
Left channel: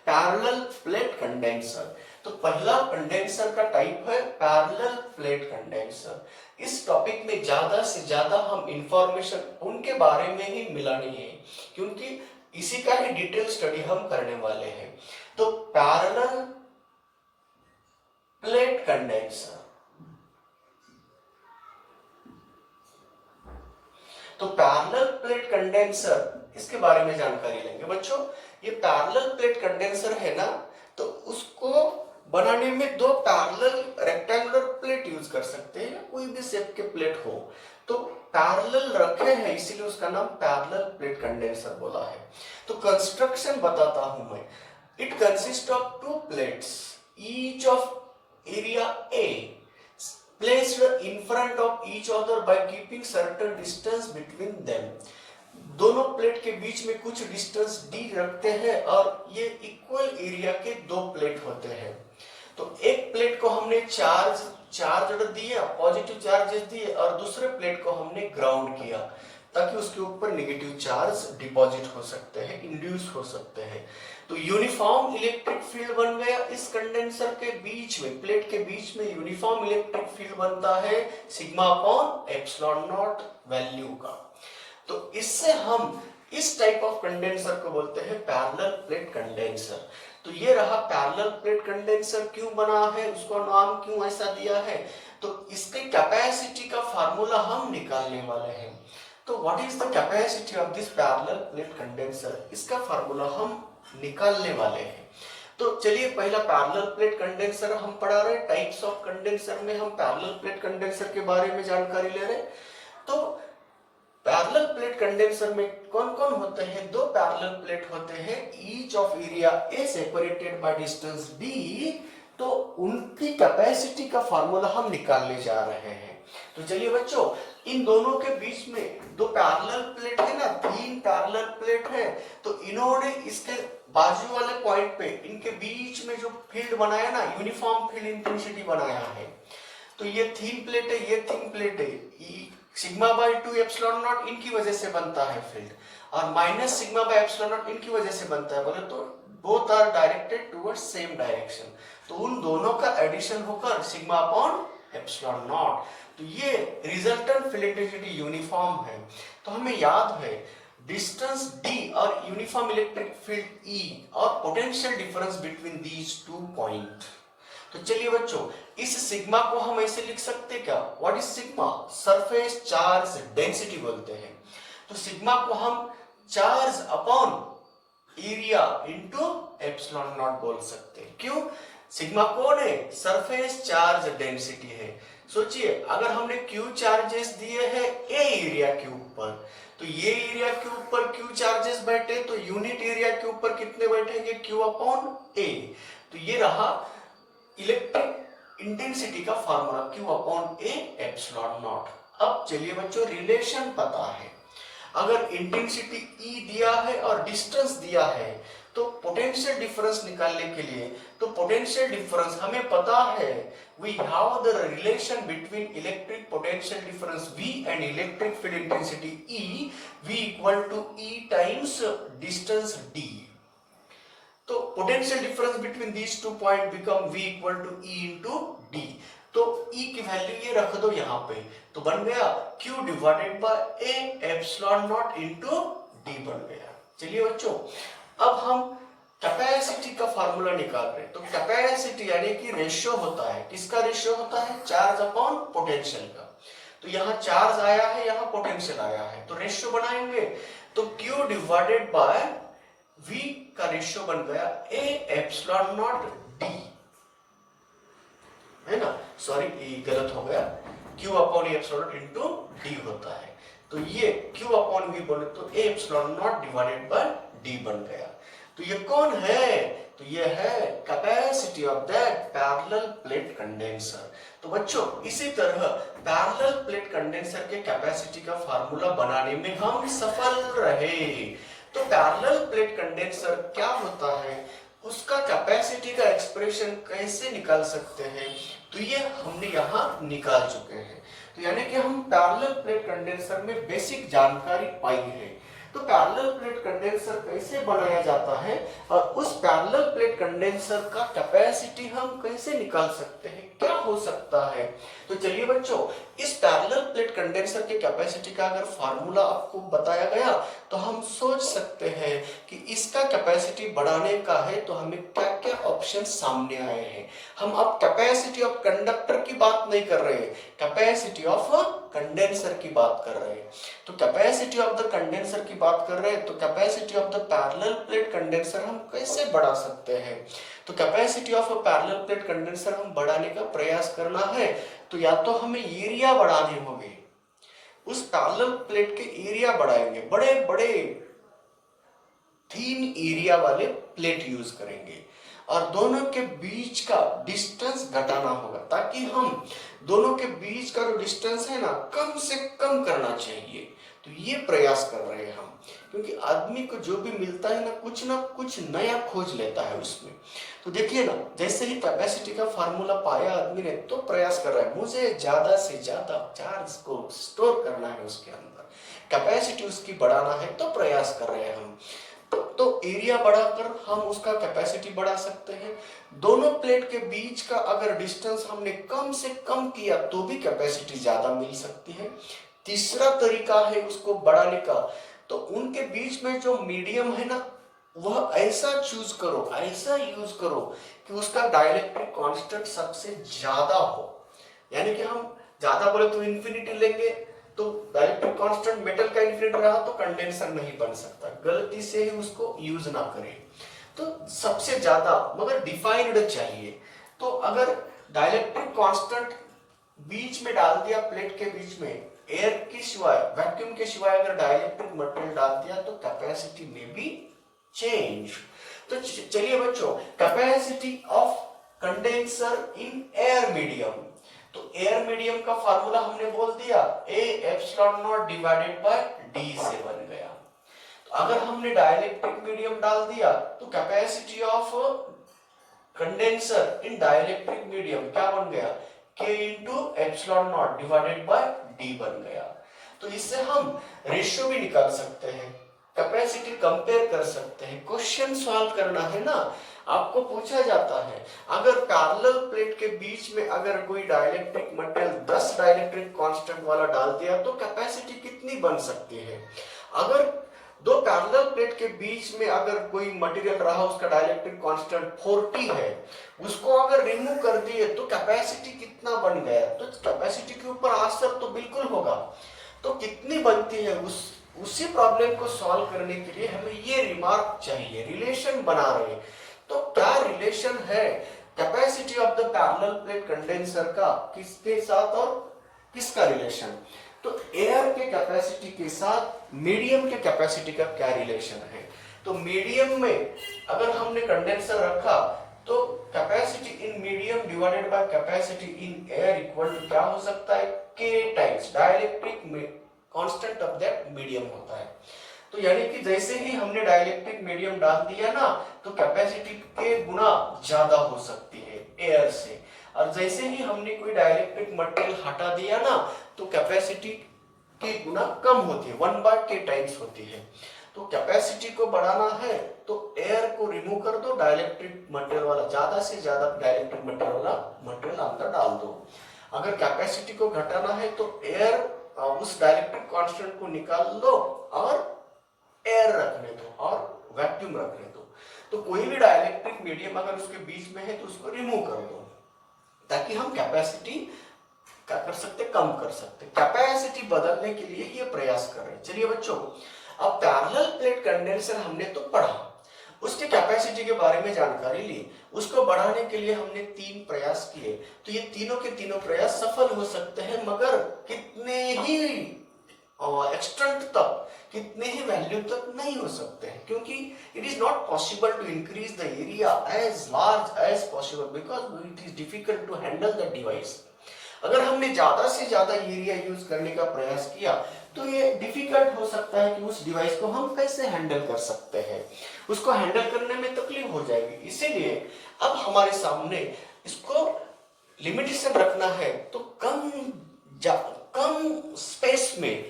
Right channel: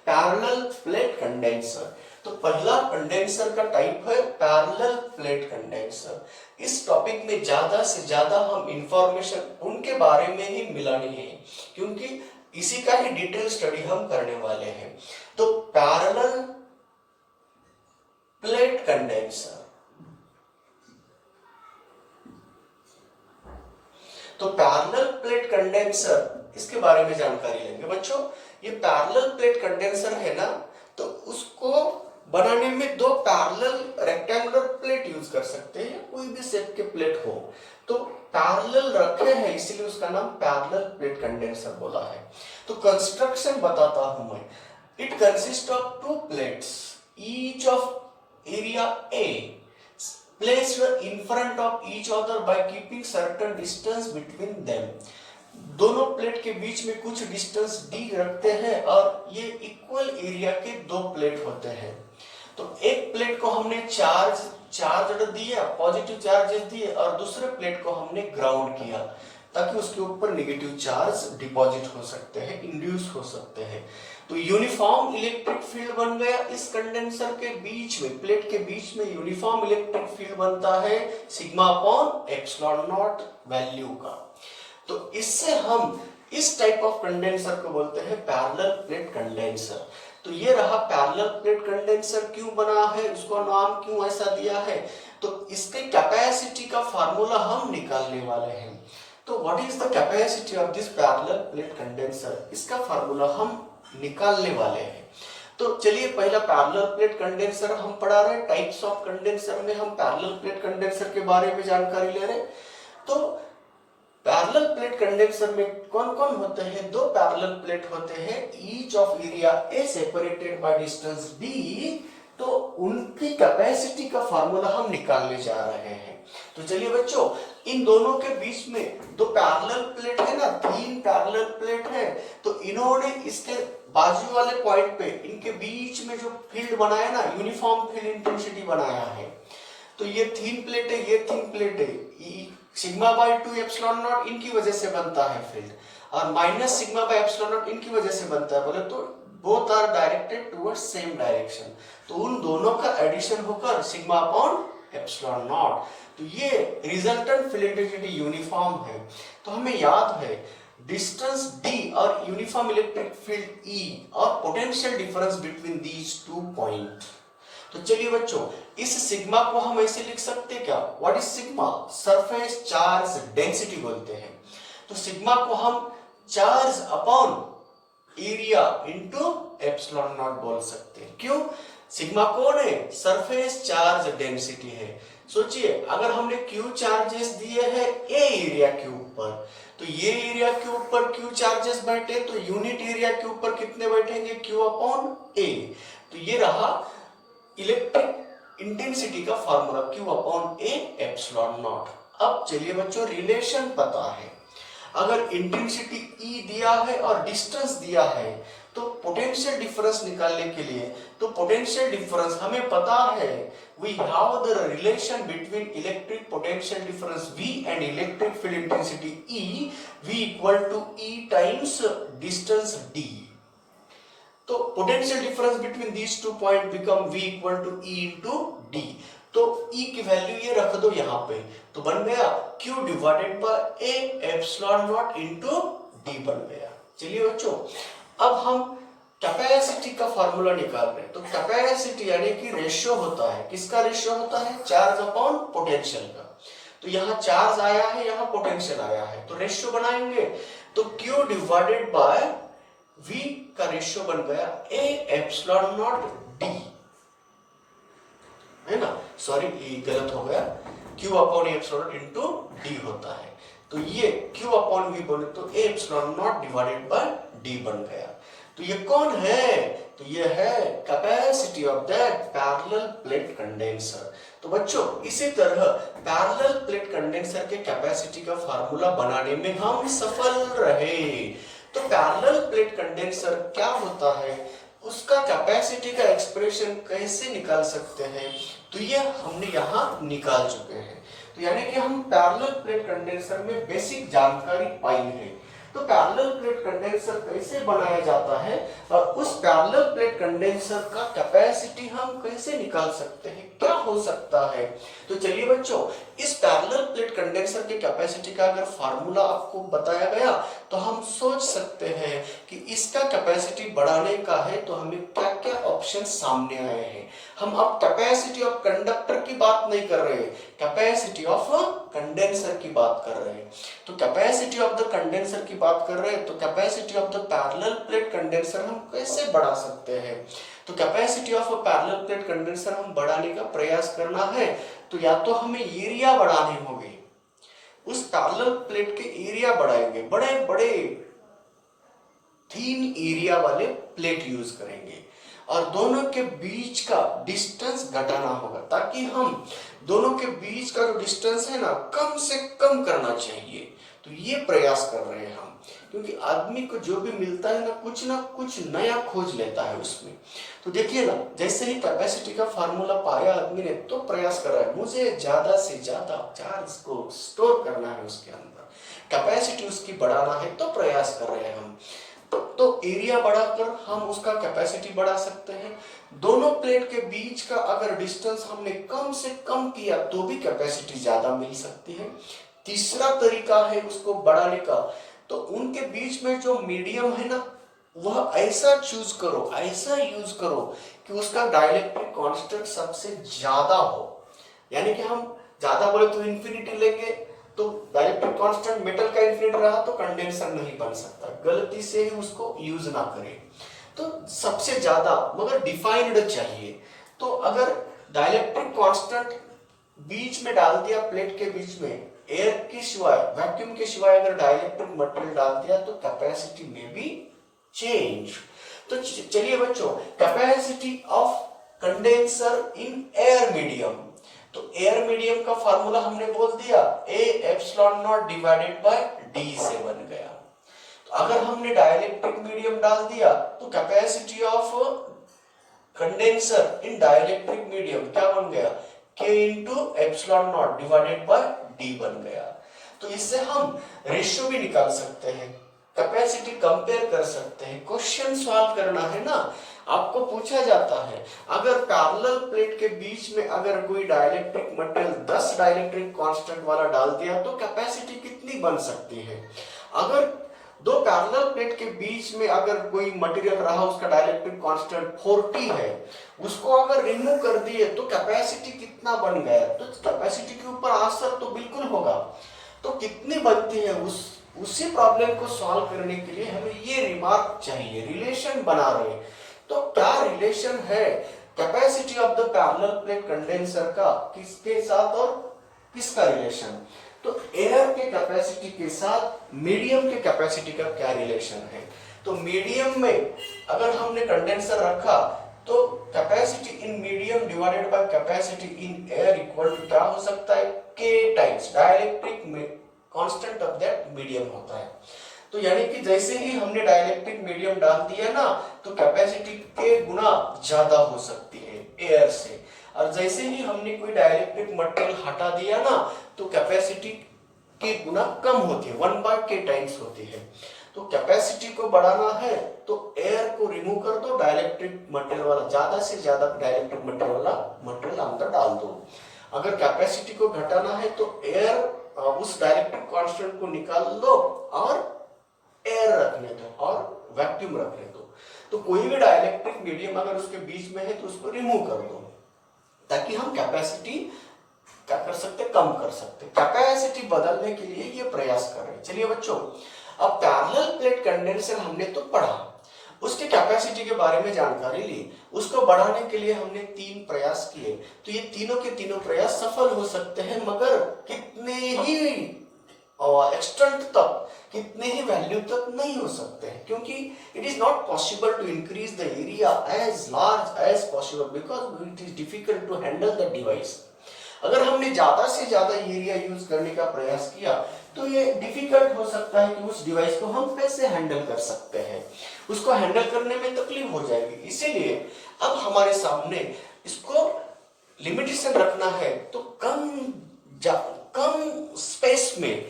पैरेलल प्लेट कंडेंसर। तो पहला कंडेंसर का टाइप है पैरेलल प्लेट कंडेंसर। इस टॉपिक में ज्यादा से ज्यादा हम इंफॉर्मेशन उनके बारे में ही मिलानी है, क्योंकि इसी का ही डिटेल स्टडी हम करने वाले हैं। तो पैरेलल प्लेट कंडेंसर, तो पैरेलल प्लेट कंडेंसर इसके बारे में जानकारी लेंगे बच्चों। ये पैरेलल प्लेट कंडेंसर है ना, तो उसको बनाने में दो पैरेलल रेक्टेंगुलर प्लेट यूज कर सकते हैं, कोई भी शेप के प्लेट हो। तो पैरेलल रखे हैं इसीलिए उसका नाम पैरेलल प्लेट कंडेंसर बोला है। तो कंस्ट्रक्शन बताता हूं मैं। It consist of to plates each of area A placed in front of each other by keeping certain distance between them। दोनों प्लेट के बीच में कुछ डिस्टेंस डी रखते हैं और ये इक्वल एरिया के दो प्लेट होते हैं। तो एक प्लेट को हमने चार्ज दिया, पॉजिटिव चार्जेस दिए, और दूसरे प्लेट को हमने ग्राउंड किया ताकि उसके ऊपर नेगेटिव चार्ज डिपॉजिट हो सकते हैं, इंड्यूस हो सकते हैं। तो यूनिफॉर्म इलेक्ट्रिक फील्ड बन गया इस कंडेंसर के बीच में, प्लेट के बीच में यूनिफॉर्म इलेक्ट्रिक फील्ड बनता है sigma upon epsilon not value का। तो इससे हम इस टाइप ऑफ कंडेंसर को बोलते हैं पैरेलल प्लेट कंडेंसर। तो ये रहा पैरेलल प्लेट कंडेंसर क्यों बना है, उसको नाम क्यों ऐसा दिया है, तो इसके कैपेसिटी का फार्मूला हम निकालने वाले हैं। तो what is the capacity of this parallel plate condenser, इसका फार्मूला हम निकालने वाले हैं। तो चलिए पहला पैरेलल प्लेट कंडेंसर हम पढ़ा रहे हैं। टाइप्स ऑफ कंडेंसर में हम पैरेलल प्लेट कंडेंसर के बारे में जानकारी ले रहे हैं। तो पैरेलल प्लेट कंडेंसर में कौन कौन होते हैं, दो पैरेलल प्लेट होते हैं, each of area A separated by distance D. तो उनकी कैपेसिटी का फार्मूला हम निकालने जा रहे हैं। तो चलिए बच्चों, इन दोनों के बीच में दो पैरेलल प्लेट है ना, तीन पैरेलल प्लेट है, तो इन्होंने इसके बाजू वाले पॉइंट पे इनके बीच में जो फील्ड बनाया ना, यूनिफॉर्म फील्ड इंटेंसिटी बनाया है। तो ये तीन प्लेट है, ये तीन प्लेट है, सिग्मा बाय 2 एप्सिलॉन नॉट इनकी वजह से बनता है फील्ड, और minus sigma by epsilon not इनकी वजह से बनता है। बोले तो both are directed towards same direction, तो उन दोनों का एडिशन होकर सिग्मा अपॉन एप्सिलॉन नॉट। तो ये रिजल्टेंट फील्ड इंटेंसिटी यूनिफॉर्म है। तो हमें याद है डिस्टेंस d और यूनिफॉर्म इलेक्ट्रिक फील्ड E और potential difference between these two point. तो चलिए बच्चों, इस सिग्मा को हम ऐसे लिख सकते हैं क्या, what is sigma, surface charge density बोलते हैं। तो सिग्मा को हम charge upon area into epsilon not बोल सकते हैं। क्यों, सिग्मा कौन है, सरफेस चार्ज डेंसिटी है। सोचिए अगर हमने क्यू चार्जेस दिए हैं ए एरिया के ऊपर, तो ये एरिया के ऊपर क्यू चार्जेस बैठे, तो यूनिट एरिया के ऊपर कितने बैठेंगे, क्यू अपॉन ए। तो ये रहा इलेक्ट्रिक इंटेंसिटी का formula, Q upon A epsilon not. अब चलिए बच्चों, रिलेशन पता है, अगर इंटेंसिटी E दिया है और डिस्टेंस दिया है, तो पोटेंशियल डिफरेंस निकालने के लिए, तो पोटेंशियल डिफरेंस हमें पता है, we have the relation between electric potential difference V and electric field intensity E, V equal to E times distance D। तो potential difference between these two point become V equal to E into D। तो E की value ये रख दो यहाँ पे, तो बन गया Q divided by A epsilon not into D बन गया। चलिए बच्चों, अब हम कैपेसिटी का फार्मूला निकाल रहे हैं। तो कैपेसिटी यानी कि रेशियो होता है, किसका रेशियो होता है, चार्ज अपॉन पोटेंशियल का। तो यहाँ चार्ज आया है, यहाँ पोटेंशियल आया है, तो रेशियो बनाएंगे, तो Q डिवाइडेड बाय V का रेशियो बन गया A एप्सिलॉन नॉट D, है ना, सॉरी ये गलत हो गया, Q upon epsilon not into D होता है। तो ये Q अपॉन V बने तो A epsilon not divided by D बन गया। तो ये कौन है, तो ये है capacity of that parallel plate condenser. तो बच्चों, इसी तरह पैरेलल प्लेट कंडेंसर के कैपेसिटी का फार्मूला बनाने में हम सफल रहे। तो पैरेलल प्लेट कंडेंसर क्या होता है, उसका कैपेसिटी का एक्सप्रेशन कैसे निकाल सकते हैं, तो ये हमने यहाँ निकाल चुके हैं। तो यानी कि हम पैरेलल प्लेट कंडेंसर में बेसिक जानकारी पाई है। तो पैरेलल प्लेट कंडेंसर कैसे बनाया जाता है और उस पैरेलल प्लेट कंडेंसर का कैपेसिटी हम कैसे निकाल सकते हैं, क्या हो सकता है। तो चलिए बच्चों, इस पैरेलल प्लेट कंडेंसर की कैपेसिटी का अगर फार्मूला आपको बताया गया तो हम सोच सकते हैं कि इसका कैपेसिटी बढ़ाने का है तो हमें क्या क्या ऑप्शन सामने आए हैं। हम अब कैपेसिटी ऑफ कंडक्टर की बात नहीं कर रहे, कैपेसिटी ऑफ कंडेंसर की बात कर रहे हैं। तो कैपेसिटी ऑफ द कंडेंसर की बात कर रहे हैं, तो capacity of the parallel plate condenser हम कैसे बढ़ा सकते हैं। तो capacity of a parallel plate condenser हम बढ़ाने का प्रयास करना है तो या तो हमें एरिया बढ़ाने होंगे, उस पैरेलल प्लेट के एरिया बढ़ाएंगे, बड़े बड़े थीन एरिया वाले प्लेट यूज करेंगे, और दोनों के बीच का डिस्टेंस घटाना होगा ताकि हम दोनों के बीच का जो डिस्टेंस है ना कम से कम करना चाहिए। तो ये प्रयास कर रहे हैं हम, क्योंकि आदमी को जो भी मिलता है ना कुछ नया खोज लेता है उसमें। तो देखिए ना, जैसे ही कैपेसिटी का फार्मूला पाया आदमी ने तो प्रयास कर रहा है मुझे ज्यादा से ज्यादा चार्ज को स्टोर करना है उसके अंदर, कैपेसिटी उसकी बढ़ाना है तो प्रयास कर रहे हैं हम। तो एरिया बढ़ाकर हम उसका कैपेसिटी बढ़ा सकते हैं। दोनों प्लेट के बीच का अगर डिस्टेंस हमने कम से कम किया तो भी कैपेसिटी ज्यादा मिल सकती है। तीसरा तरीका है उसको बढ़ाने का, तो उनके बीच में जो मीडियम है ना वह ऐसा चूज करो, ऐसा यूज करो कि उसका डाइलेक्ट्रिक कांस्टेंट सबसे ज्यादा हो। यानी कि हम ज्यादा बोले तो इंफिनिटी लेंगे, तो डाइलेक्ट्रिक कांस्टेंट मेटल का इंफिनिटी रहा तो कंडेंसर नहीं बन सकता, गलती से ही उसको यूज ना करें। तो सबसे ज्यादा मगर डिफाइंड चाहिए। तो अगर डाइलेक्ट्रिक कांस्टेंट बीच में डाल दिया, प्लेट के बीच में एयर की सिवाय, वैक्यूम के सिवाय अगर डाइलेक्ट्रिक मटेरियल डाल दिया तो कैपेसिटी में भी चेंज। तो चलिए बच्चों, capacity of condenser in air medium, तो एयर मीडियम का फार्मूला हमने बोल दिया A epsilon not divided by D से बन गया। तो अगर हमने डाइलेक्ट्रिक मीडियम डाल दिया तो capacity of condenser in dielectric medium क्या बन गया, K into epsilon not divided by D बन गया। तो इससे हम रेशियो भी निकाल सकते हैं, कैपेसिटी कंपेयर कर सकते हैं। क्वेश्चन सॉल्व करना है ना, आपको पूछा जाता है अगर पैरेलल प्लेट के बीच में अगर कोई डाइलेक्ट्रिक मटेरियल 10 डाइलेक्ट्रिक कांस्टेंट वाला डाल दिया तो कैपेसिटी कितनी बन सकती है। अगर दो पैरेलल प्लेट के बीच में अगर कोई मटेरियल रहा उसका डाइलेक्ट्रिक कांस्टेंट 40 है, उसको अगर रिमूव कर दिए तो कैपेसिटी कितना बन गया। तो कैपेसिटी के ऊपर असर तो बिल्कुल होगा। तो कितनी बनती है उसी प्रॉब्लम को सॉल्व करने के लिए हमें ये रिमार्क चाहिए, रिलेशन बना रहे। तो क्या रिलेशन है capacity of the parallel plate condenser का किसके साथ और किसका रिलेशन। तो एयर के कैपेसिटी के साथ मीडियम के कैपेसिटी का क्या रिलेशन है। तो मीडियम में अगर हमने कंडेंसर रखा तो capacity in medium divided by capacity in air equal to क्या हो सकता है, K times dielectric constant of that medium होता है। तो यानी कि जैसे ही हमने डाइलेक्ट्रिक मीडियम डाल दिया ना तो कैपेसिटी के गुना ज्यादा हो सकती है एयर से, और जैसे ही हमने कोई डाइलेक्ट्रिक मटेरियल हटा दिया ना तो कैपेसिटी के गुना कम होती है, 1/k टाइम्स होती है। तो कैपेसिटी को बढ़ाना है तो एयर को रिमूव कर दो, डाइलेक्ट्रिक मटेरियल वाला ज्यादा से ज्यादा डाइलेक्ट्रिक मटेरियल वाला मटेरियल अंदर डाल दो। अगर कैपेसिटी को घटाना है तो एयर उस डाइलेक्ट्रिक कांस्टेंट को निकाल दो और एयर रखने दो और वैक्यूम रखने दो। तो कोई भी डाइलेक्ट्रिक मीडियम अगर उसके बीच में है तो उसको रिमूव कर दो ताकि हम कैपेसिटी क्या कर सकते, कम कर सकते। कैपेसिटी बदलने के लिए ये प्रयास कर रहे हैं। चलिए बच्चों, अब पैरेलल प्लेट कंडेंसर हमने तो पढ़ा, उसकी कैपेसिटी के बारे में जानकारी ली, उसको बढ़ाने के लिए हमने 3 प्रयास किए। तो ये तीनों के तीनों प्रयास सफल हो सकते हैं, मगर कितने ही एक्सटेंट तक, कितने ही वैल्यू तक नहीं हो सकते हैं, क्योंकि it is not possible to increase the area as large as possible because it is difficult to handle the device. अगर हमने ज्यादा से ज्यादा एरिया यूज करने का प्रयास किया तो ये डिफिकल्ट हो सकता है कि उस डिवाइस को हम कैसे हैंडल कर सकते हैं, उसको हैंडल करने में तकलीफ हो जाएगी। इसीलिए अब हमारे सामने इसको लिमिटेशन रखना है, तो कम स्पेस में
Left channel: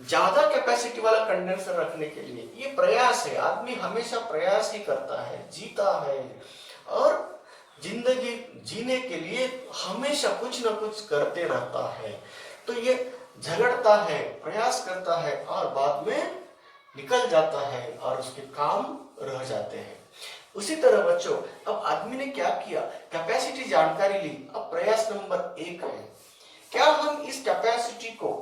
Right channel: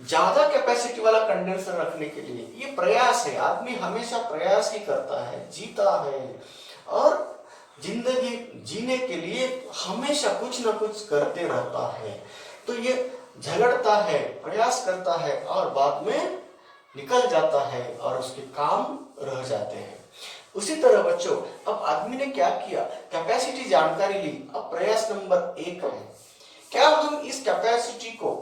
ज्यादा कैपेसिटी वाला कंडेंसर रखने के लिए ये प्रयास है। आदमी हमेशा प्रयास ही करता है, जीता है और जिंदगी जीने के लिए हमेशा कुछ ना कुछ करते रहता है। तो ये झगड़ता है, प्रयास करता है और बाद में निकल जाता है और उसके काम रह जाते हैं। उसी तरह बच्चों, अब आदमी ने क्या किया, कैपेसिटी जानकारी ली। अब प्रयास नंबर 1 है, क्या हम इस कैपेसिटी को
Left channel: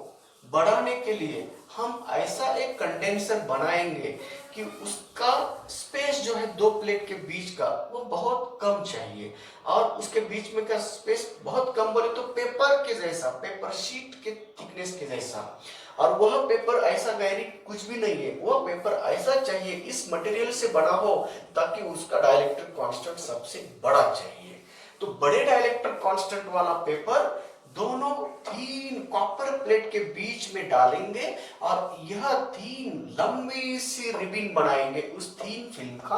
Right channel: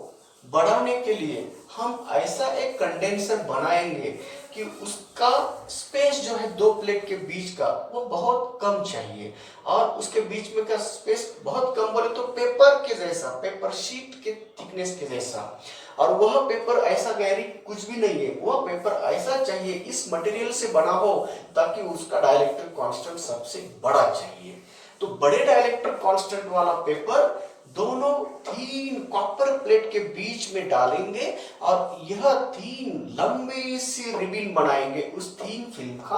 बढ़ाने के लिए हम ऐसा एक कंडेंसर बनाएंगे कि उसका स्पेस जो है दो प्लेट के बीच का वो बहुत कम चाहिए, और उसके बीच में का स्पेस बहुत कम बोले तो पेपर के जैसा, पेपर शीट के थिकनेस के जैसा, और वह पेपर ऐसा गहरी कुछ भी नहीं है, वह पेपर ऐसा चाहिए इस मटेरियल से बना हो ताकि उसका डाइलेक्ट्रिक कांस्टेंट सबसे बड़ा चाहिए। तो बड़े डाइलेक्ट्रिक कांस्टेंट वाला पेपर दोनों तीन कॉपर प्लेट के बीच में डालेंगे और यह तीन लंबी सी रिबन बनाएंगे उस तीन फिल्म का,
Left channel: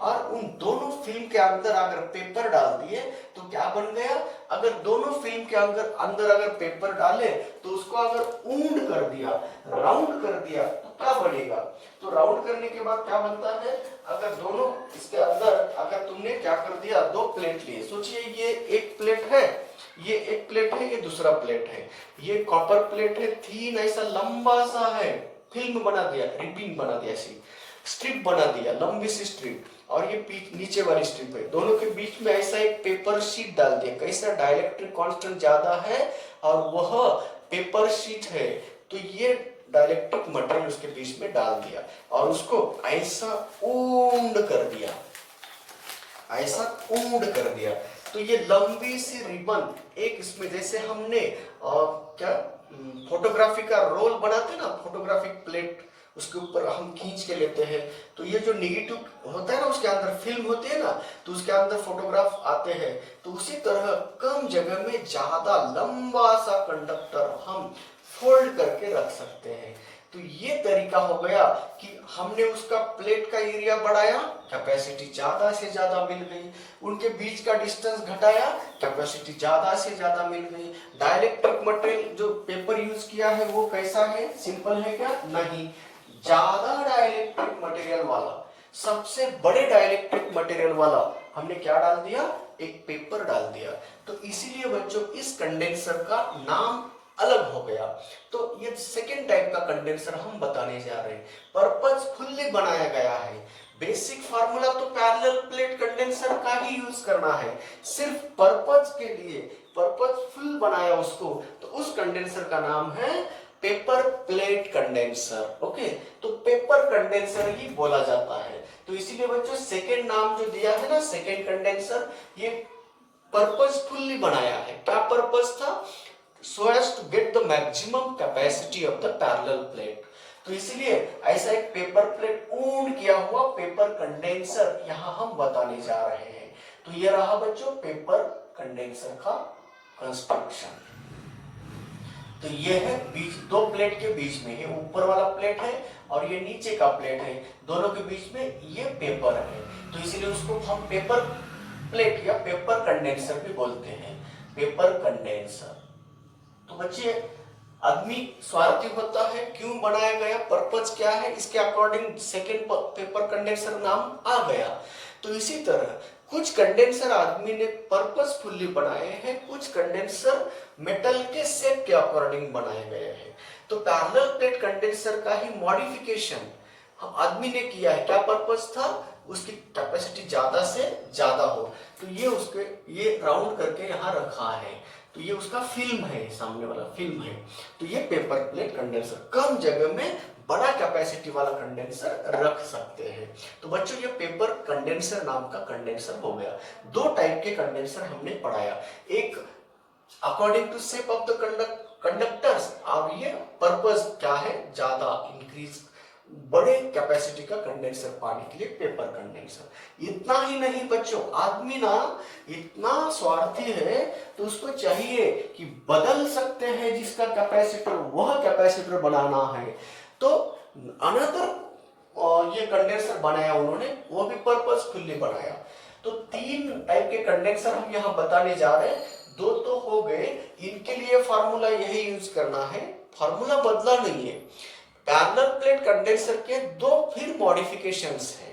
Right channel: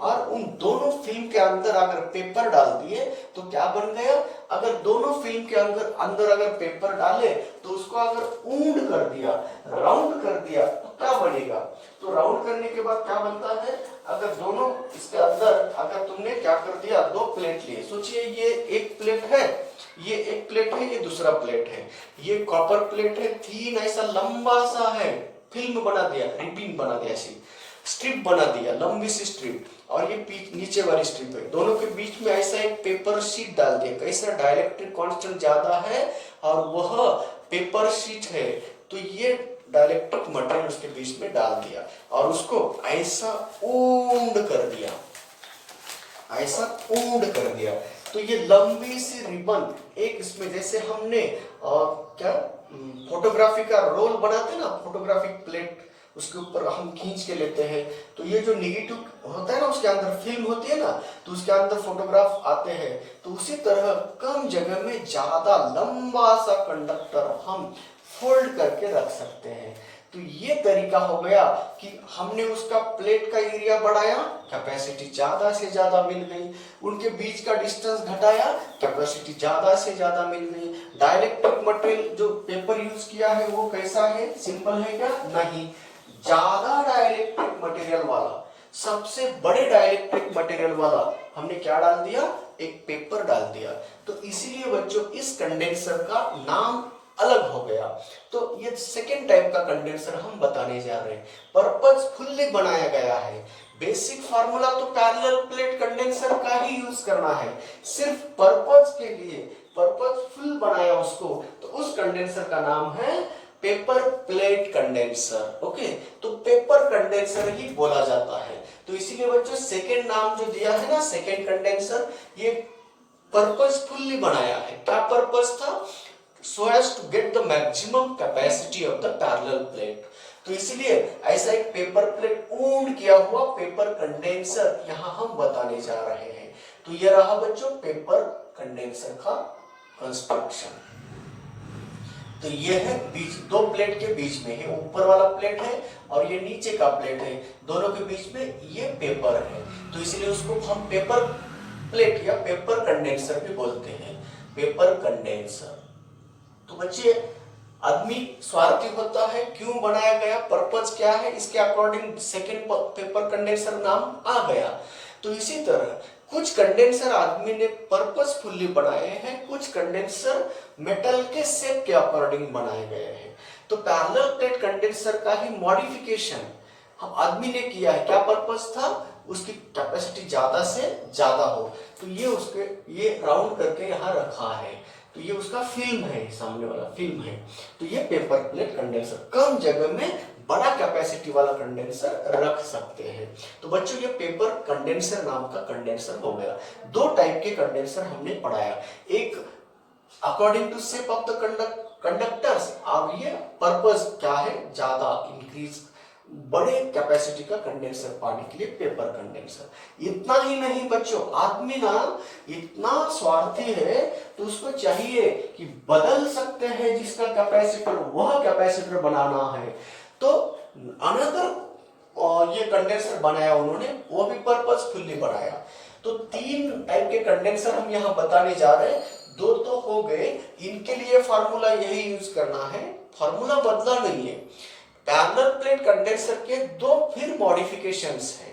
और उन दोनों फिल्म के अंदर अगर पेपर डाल दिए तो क्या बन गया, अगर दोनों फिल्म के अंदर अगर पेपर डाले तो उसको अगर ऊंड कर दिया, राउंड कर दिया तो क्या बनेगा, तो राउंड करने के बाद क्या बनता है, अगर दोनों इसके अंदर अगर तुमने क्या कर दिया, दो प्लेट लिए, सोचिए ये एक प्लेट है, ये एक प्लेट है, ये दूसरा प्लेट है, ये कॉपर प्लेट है, थीन ऐसा लंबा सा है, फिल्म बना दिया, रिबन बना दिया, ऐसी स्ट्रिप बना दिया, लंबी सी स्ट्रिप, और ये नीचे वाली स्ट्रिप है, दोनों के बीच में ऐसा एक पेपर शीट डाल दिया, कैसा डाइलेक्ट्रिक कांस्टेंट ज्यादा है और वह पेपर शीट है, तो ये डाइलेक्ट्रिक मटेरियल उसके बीच में डाल दिया और उसको ऐसा ऊंड कर दिया, ऐसा ऊंड कर दिया, तो ये लंबी सी रिबन एक इसमें, जैसे हमने क्या फोटोग्राफी का रोल बनाते ना, फोटोग्राफिक प्लेट उसके ऊपर हम खींच के लेते हैं, तो ये जो निगेटिव होता है ना उसके अंदर फिल्म होती है ना, तो उसके अंदर फोटोग्राफ आते हैं, तो उसी तरह कम जगह में ज्यादा लंबा सा कंडक्टर हम फोल्ड करके रख सकते हैं। तो ये तरीका हो गया कि हमने उसका प्लेट का एरिया बढ़ाया, कैपेसिटी ज्यादा से ज्यादा मिल गई, उनके बीच का डिस्टेंस घटाया, कैपेसिटी ज्यादा से ज्यादा मिल गई। डाइलेक्ट्रिक मटेरियल जो पेपर यूज किया है वो कैसा है, सिंपल है क्या, नहीं, ज्यादा डाइलेक्ट्रिक मटेरियल वाला, सबसे बड़े डाइलेक्ट्रिक मटेरियल वाला हमने क्या डाल दिया, एक पेपर डाल दिया, तो इसीलिए बच्चों इस कंडेंसर का नाम अलग हो गया। तो ये सेकेंड टाइप का कंडेंसर हम बताने जा रहे हैं, पर्पजफुली बनाया गया है। बेसिक फार्मूला तो पैरेलल प्लेट कंडेंसर का ही यूज करना है, सिर्फ पर्पज के लिए पर्पजफुल बनाया उसको, तो उस कंडेंसर का नाम है पेपर प्लेट कंडेंसर। ओके, तो पेपर कंडेंसर ही बोला जाता है, तो इसीलिए बच्चों सेकेंड नाम जो दिया है ना, सेकेंड कंडेंसर, ये पर्पजफुली बनाया है। क्या पर्पज था, so as to get the maximum capacity of the parallel plate, तो इसीलिए ऐसा एक पेपर प्लेट ऊंड किया हुआ पेपर कंडेंसर यहाँ हम बताने जा रहे हैं। तो ये रहा बच्चों पेपर कंडेंसर का कंस्ट्रक्शन। तो ये है बीच, दो प्लेट के बीच में, ये ऊपर वाला प्लेट है और ये नीचे का प्लेट है, दोनों के बीच में ये पेपर है, तो इसलिए उसको हम पेपर प्लेट या पेपर कंडेंसर भी बोलते हैं, पेपर कंडेंसर। तो बच्चे आदमी स्वार्थी होता है, क्यों बनाया गया, पर्पज क्या है, इसके अकॉर्डिंग सेकेंड पेपर कंडेंसर नाम आ गया। तो इसी तरह कुछ कंडेंसर आदमी ने पर्पजफुली बनाए हैं, कुछ कंडेंसर मेटल के शेप के अकॉर्डिंग बनाए गए हैं। तो पैरेलल प्लेट कंडेंसर का ही मॉडिफिकेशन हम आदमी ने किया है। क्या पर्पज था, उसकी कैपेसिटी ज्यादा से ज्यादा हो, तो ये उसके ये राउंड करके यहाँ रखा है, तो ये उसका फिल्म है, सामने वाला फिल्म है। तो ये पेपर प्लेट कंडेंसर, कम जगह में बड़ा कैपेसिटी वाला कंडेंसर रख सकते हैं। तो बच्चों ये पेपर कंडेंसर नाम का कंडेंसर हो गया। दो टाइप के कंडेंसर हमने पढ़ाया, एक according to shape of the conductors, और ये पर्पस क्या है, ज्यादा इंक्रीज बड़े कैपेसिटी का कंडेंसर पाने के लिए पेपर कंडेंसर। इतना ही नहीं बच्चों, आदमी ना इतना स्वार्थी है तो उसको चाहिए कि बदल सकते हैं जिसका कैपेसिटर, वह कैपेसिटर बनाना है, तो अनदर ये कंडेंसर बनाया उन्होंने, वो भी पर्पजफुली बनाया। तो तीन टाइप के कंडेंसर हम यहाँ बताने जा रहे हैं, दो तो हो गए, इनके लिए फार्मूला यही यूज करना है, फार्मूला बदला नहीं है। पैरेलल प्लेट कंडेंसर के दो फिर मॉडिफिकेशंस हैं।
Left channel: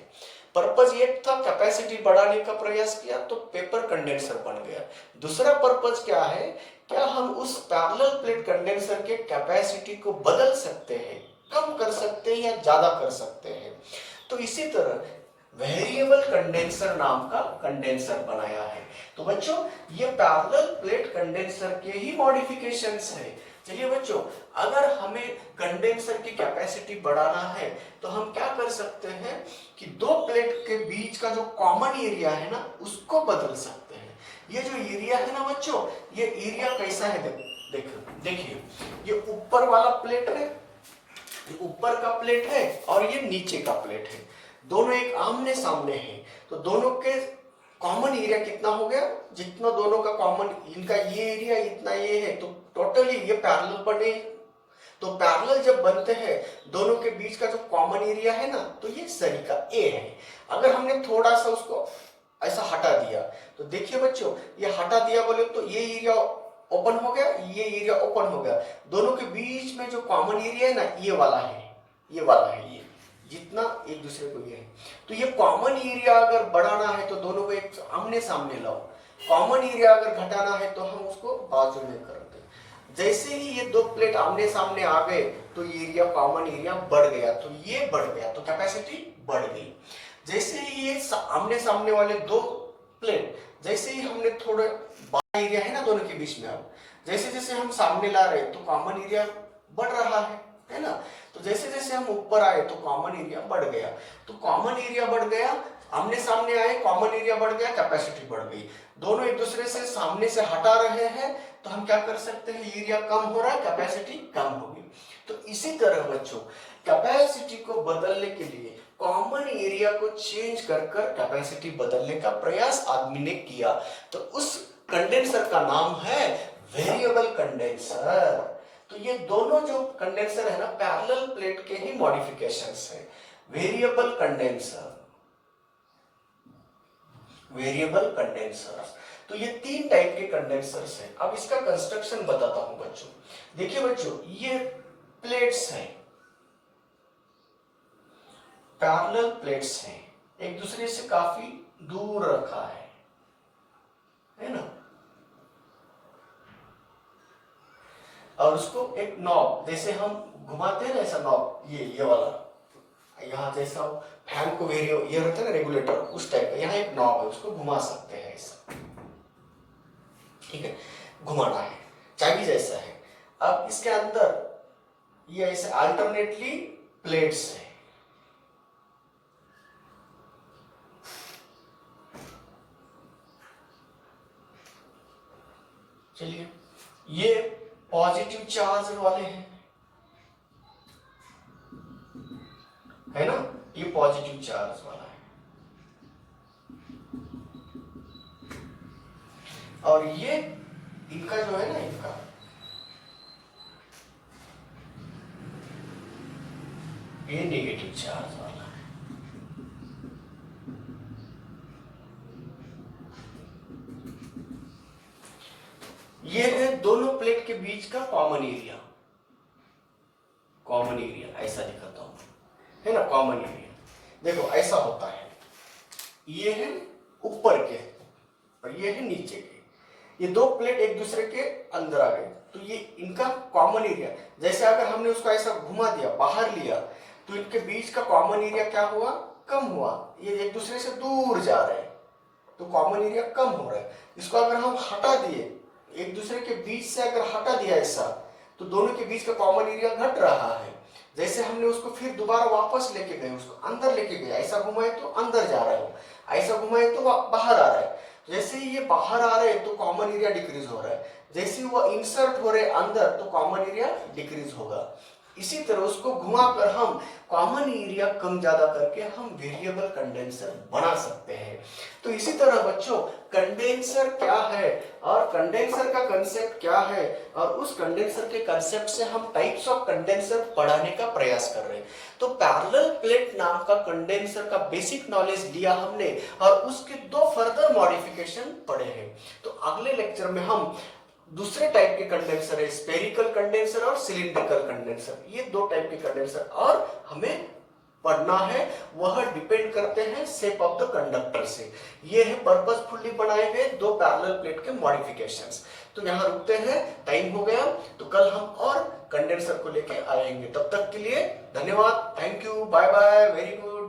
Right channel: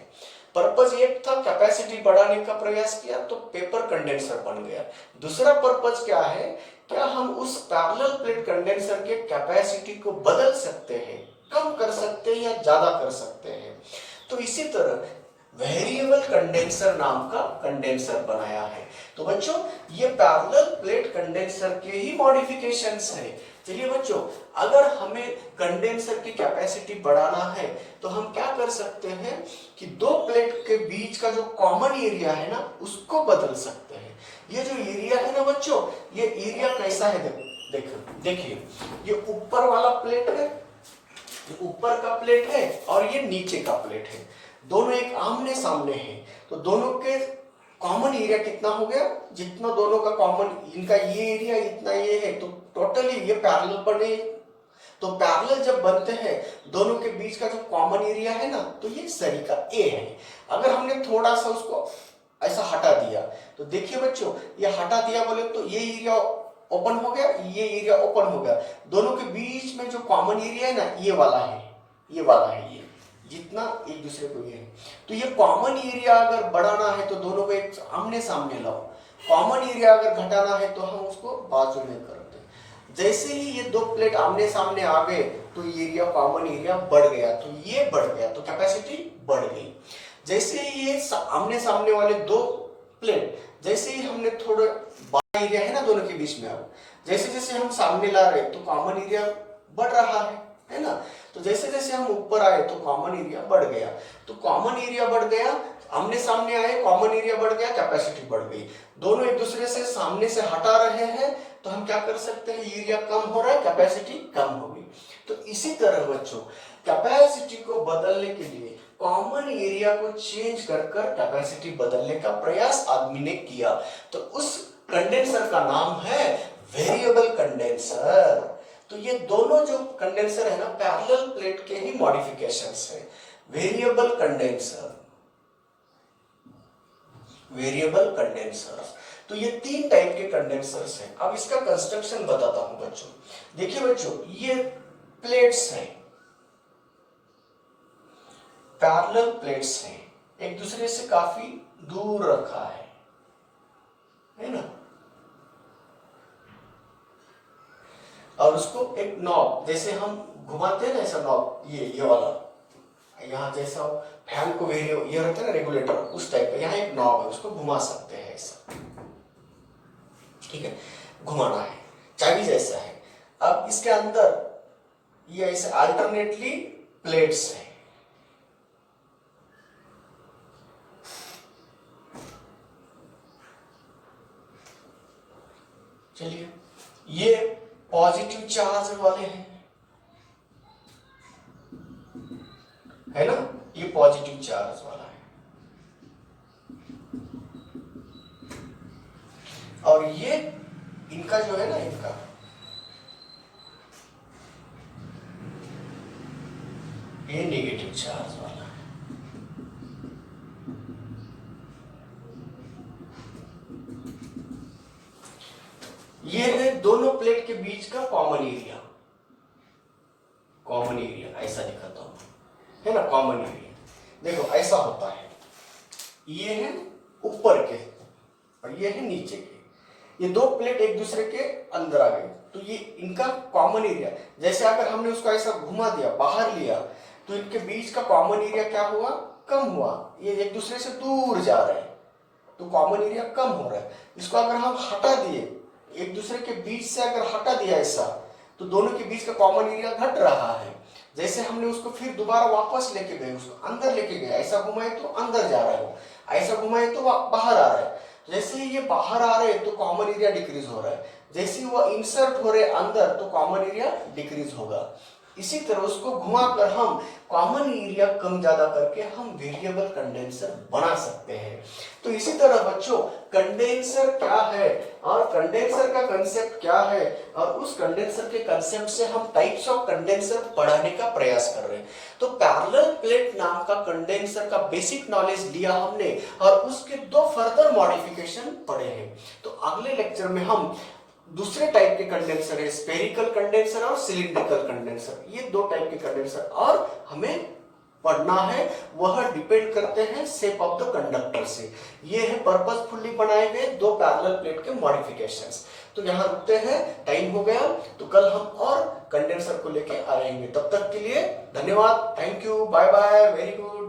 पर्पज एक था कैपेसिटी बढ़ाने का प्रयास किया तो पेपर कंडेंसर बन गया। दूसरा पर्पज क्या है, क्या हम उस पैरेलल प्लेट कंडेंसर के कैपेसिटी को बदल सकते हैं, कम कर सकते हैं या ज्यादा कर सकते हैं। तो इसी तरह वेरिएबल कंडेंसर नाम का कंडेंसर बनाया है। तो बच्चों ये पैरेलल प्लेट कंडेंसर के ही मॉडिफिकेशंस है। चलिए बच्चों, अगर हमें कंडेंसर की कैपेसिटी बढ़ाना है तो हम क्या कर सकते हैं कि दो प्लेट के बीच का जो कॉमन एरिया है ना उसको बदल सकते हैं। ये जो एरिया है ना बच्चों, ये एरिया कैसा है, देखिए ये ऊपर वाला प्लेट है, ये ऊपर का प्लेट है और ये नीचे का प्लेट है, दोनों एक आमने सामने हैं। तो दोनों के कॉमन एरिया कितना हो गया, जितना दोनों का कॉमन, इनका ये एरिया इतना ये है, तो टोटली ये पैरेलल बने। तो पैरेलल जब बनते हैं दोनों के बीच का जो कॉमन एरिया है ना, तो ये सरीका ए है। अगर हमने थोड़ा सा उसको ऐसा हटा दिया तो देखिए बच्चों, ये हटा दिया बोले तो ये एरिया ओपन हो गया, ये एरिया ओपन हो गया। दोनों के बीच में जो कॉमन एरिया है ना, ये वाला है, ये वाला है, ये जितना एक दूसरे को ये है। तो ये कॉमन एरिया अगर बढ़ाना है तो दोनों को एक आमने सामने लाओ, कॉमन एरिया अगर घटाना है तो हम उसको बाजू में करते हैं। जैसे ही ये दो प्लेट आमने सामने आ गए तो ये एरिया, कॉमन एरिया बढ़ गया, तो ये बढ़ गया, तो कैपेसिटी बढ़ गई। जैसे ही ये आमने सामने वाले दो प्लेट, जैसे ही हमने थोड़ा बड़ा एरिया है ना दोनों के बीच में, अब जैसे जैसे हम सामने ला रहे तो कॉमन एरिया बढ़ रहा है ना। तो जैसे जैसे हम ऊपर आए तो कॉमन एरिया बढ़ गया, तो कॉमन एरिया बढ़ गया, आमने सामने आए, कॉमन एरिया बढ़ गया, कैपेसिटी बढ़ गई। दोनों एक दूसरे से सामने से हटा रहे हैं तो हम क्या कर सकते हैं, एरिया कम हो रहा है, कैपेसिटी कम होगी। तो इसी तरह बच्चों कैपेसिटी को बदलने के लिए कॉमन एरिया को चेंज कर कर कैपेसिटी बदलने का प्रयास आदमी ने किया। तो उस कंडेंसर का नाम है वेरिएबल कंडेंसर। तो ये दोनों जो कंडेंसर है ना, पैरेलल प्लेट के ही मॉडिफिकेशंस है। वेरिएबल कंडेंसर, वेरिएबल कंडेंसर्स, तो ये तीन टाइप के कंडेंसर्स हैं। अब इसका कंस्ट्रक्शन बताता हूं बच्चों। देखिए बच्चों, ये प्लेट्स हैं, पैरेलल प्लेट्स हैं, एक दूसरे से काफी दूर रखा है ना, और उसको एक नॉब, जैसे हम घुमाते हैं ना ऐसा नॉब, ये वाला यहाँ जैसा फैन को ये रहता है ना रेगुलेटर, उस टाइप का यहाँ एक नॉब है, उसको घुमा सकते हैं ऐसा, ठीक है, घुमाना है, चाबी जैसा है। अब इसके अंदर ये ऐसे अल्टरनेटली प्लेट्स है, चलिए ये पॉजिटिव चार्ज वाले हैं, है ना, ये पॉजिटिव चार्ज वाला है, और ये इनका जो है ना, इनका ये नेगेटिव चार्ज वाला है। ये है दोनों प्लेट के बीच का कॉमन एरिया, कॉमन एरिया ऐसा दिखाता हूं, है ना, कॉमन एरिया देखो ऐसा होता है। ये है ऊपर के और ये है नीचे के, ये दो प्लेट एक दूसरे के अंदर आ गए, तो ये इनका कॉमन एरिया, जैसे अगर हमने उसको ऐसा घुमा दिया, बाहर लिया, तो इनके बीच का कॉमन एरिया क्या हुआ, कम हुआ, ये एक दूसरे से दूर जा रहे हैं, तो कॉमन एरिया कम हो रहा है। इसको अगर हम हटा दिए, एक दूसरे के बीच से अगर हटा दिया ऐसा, तो दोनों के बीच का कॉमन एरिया घट रहा है। जैसे हमने उसको फिर दोबारा वापस लेके गए, उसको अंदर लेके गए, ऐसा घुमाए तो अंदर जा रहे हो, ऐसा घुमाए तो बाहर आ रहा है। जैसे ही ये बाहर आ रहे हैं तो कॉमन एरिया डिक्रीज हो रहा है, जैसे ही वो इंसर्ट हो रहे अंदर तो कॉमन एरिया डिक्रीज होगा। इसी तरह उसको घुमाकर हम कॉमन एरिया कम ज्यादा करके हम वेरिएबल कंडेंसर बना सकते हैं। तो इसी तरह बच्चों कंडेंसर क्या है और कंडेंसर का कंसेप्ट क्या है, और उस कंडेंसर के कंसेप्ट से हम टाइप्स ऑफ कंडेंसर पढ़ाने का प्रयास कर रहे हैं। तो पैरेलल प्लेट नाम का कंडेंसर का बेसिक नॉलेज लिया हमने और उसके दो फर्दर मॉडिफिकेशन पढ़े हैं। तो अगले लेक्चर में हम दूसरे टाइप के कंडेंसर है, स्फेरिकल कंडेंसर और सिलिंड्रिकल कंडेंसर, ये दो टाइप के कंडेंसर और हमें पढ़ना है वह डिपेंड करते हैं शेप ऑफ द कंडक्टर से। ये है पर्पसफुली बनाए गए दो पैरेलल प्लेट के मॉडिफिकेशंस। तो यहाँ रुकते हैं, टाइम हो गया, तो कल हम और कंडेंसर को लेके आएंगे। तब तक के लिए धन्यवाद, thank you, bye bye, very good.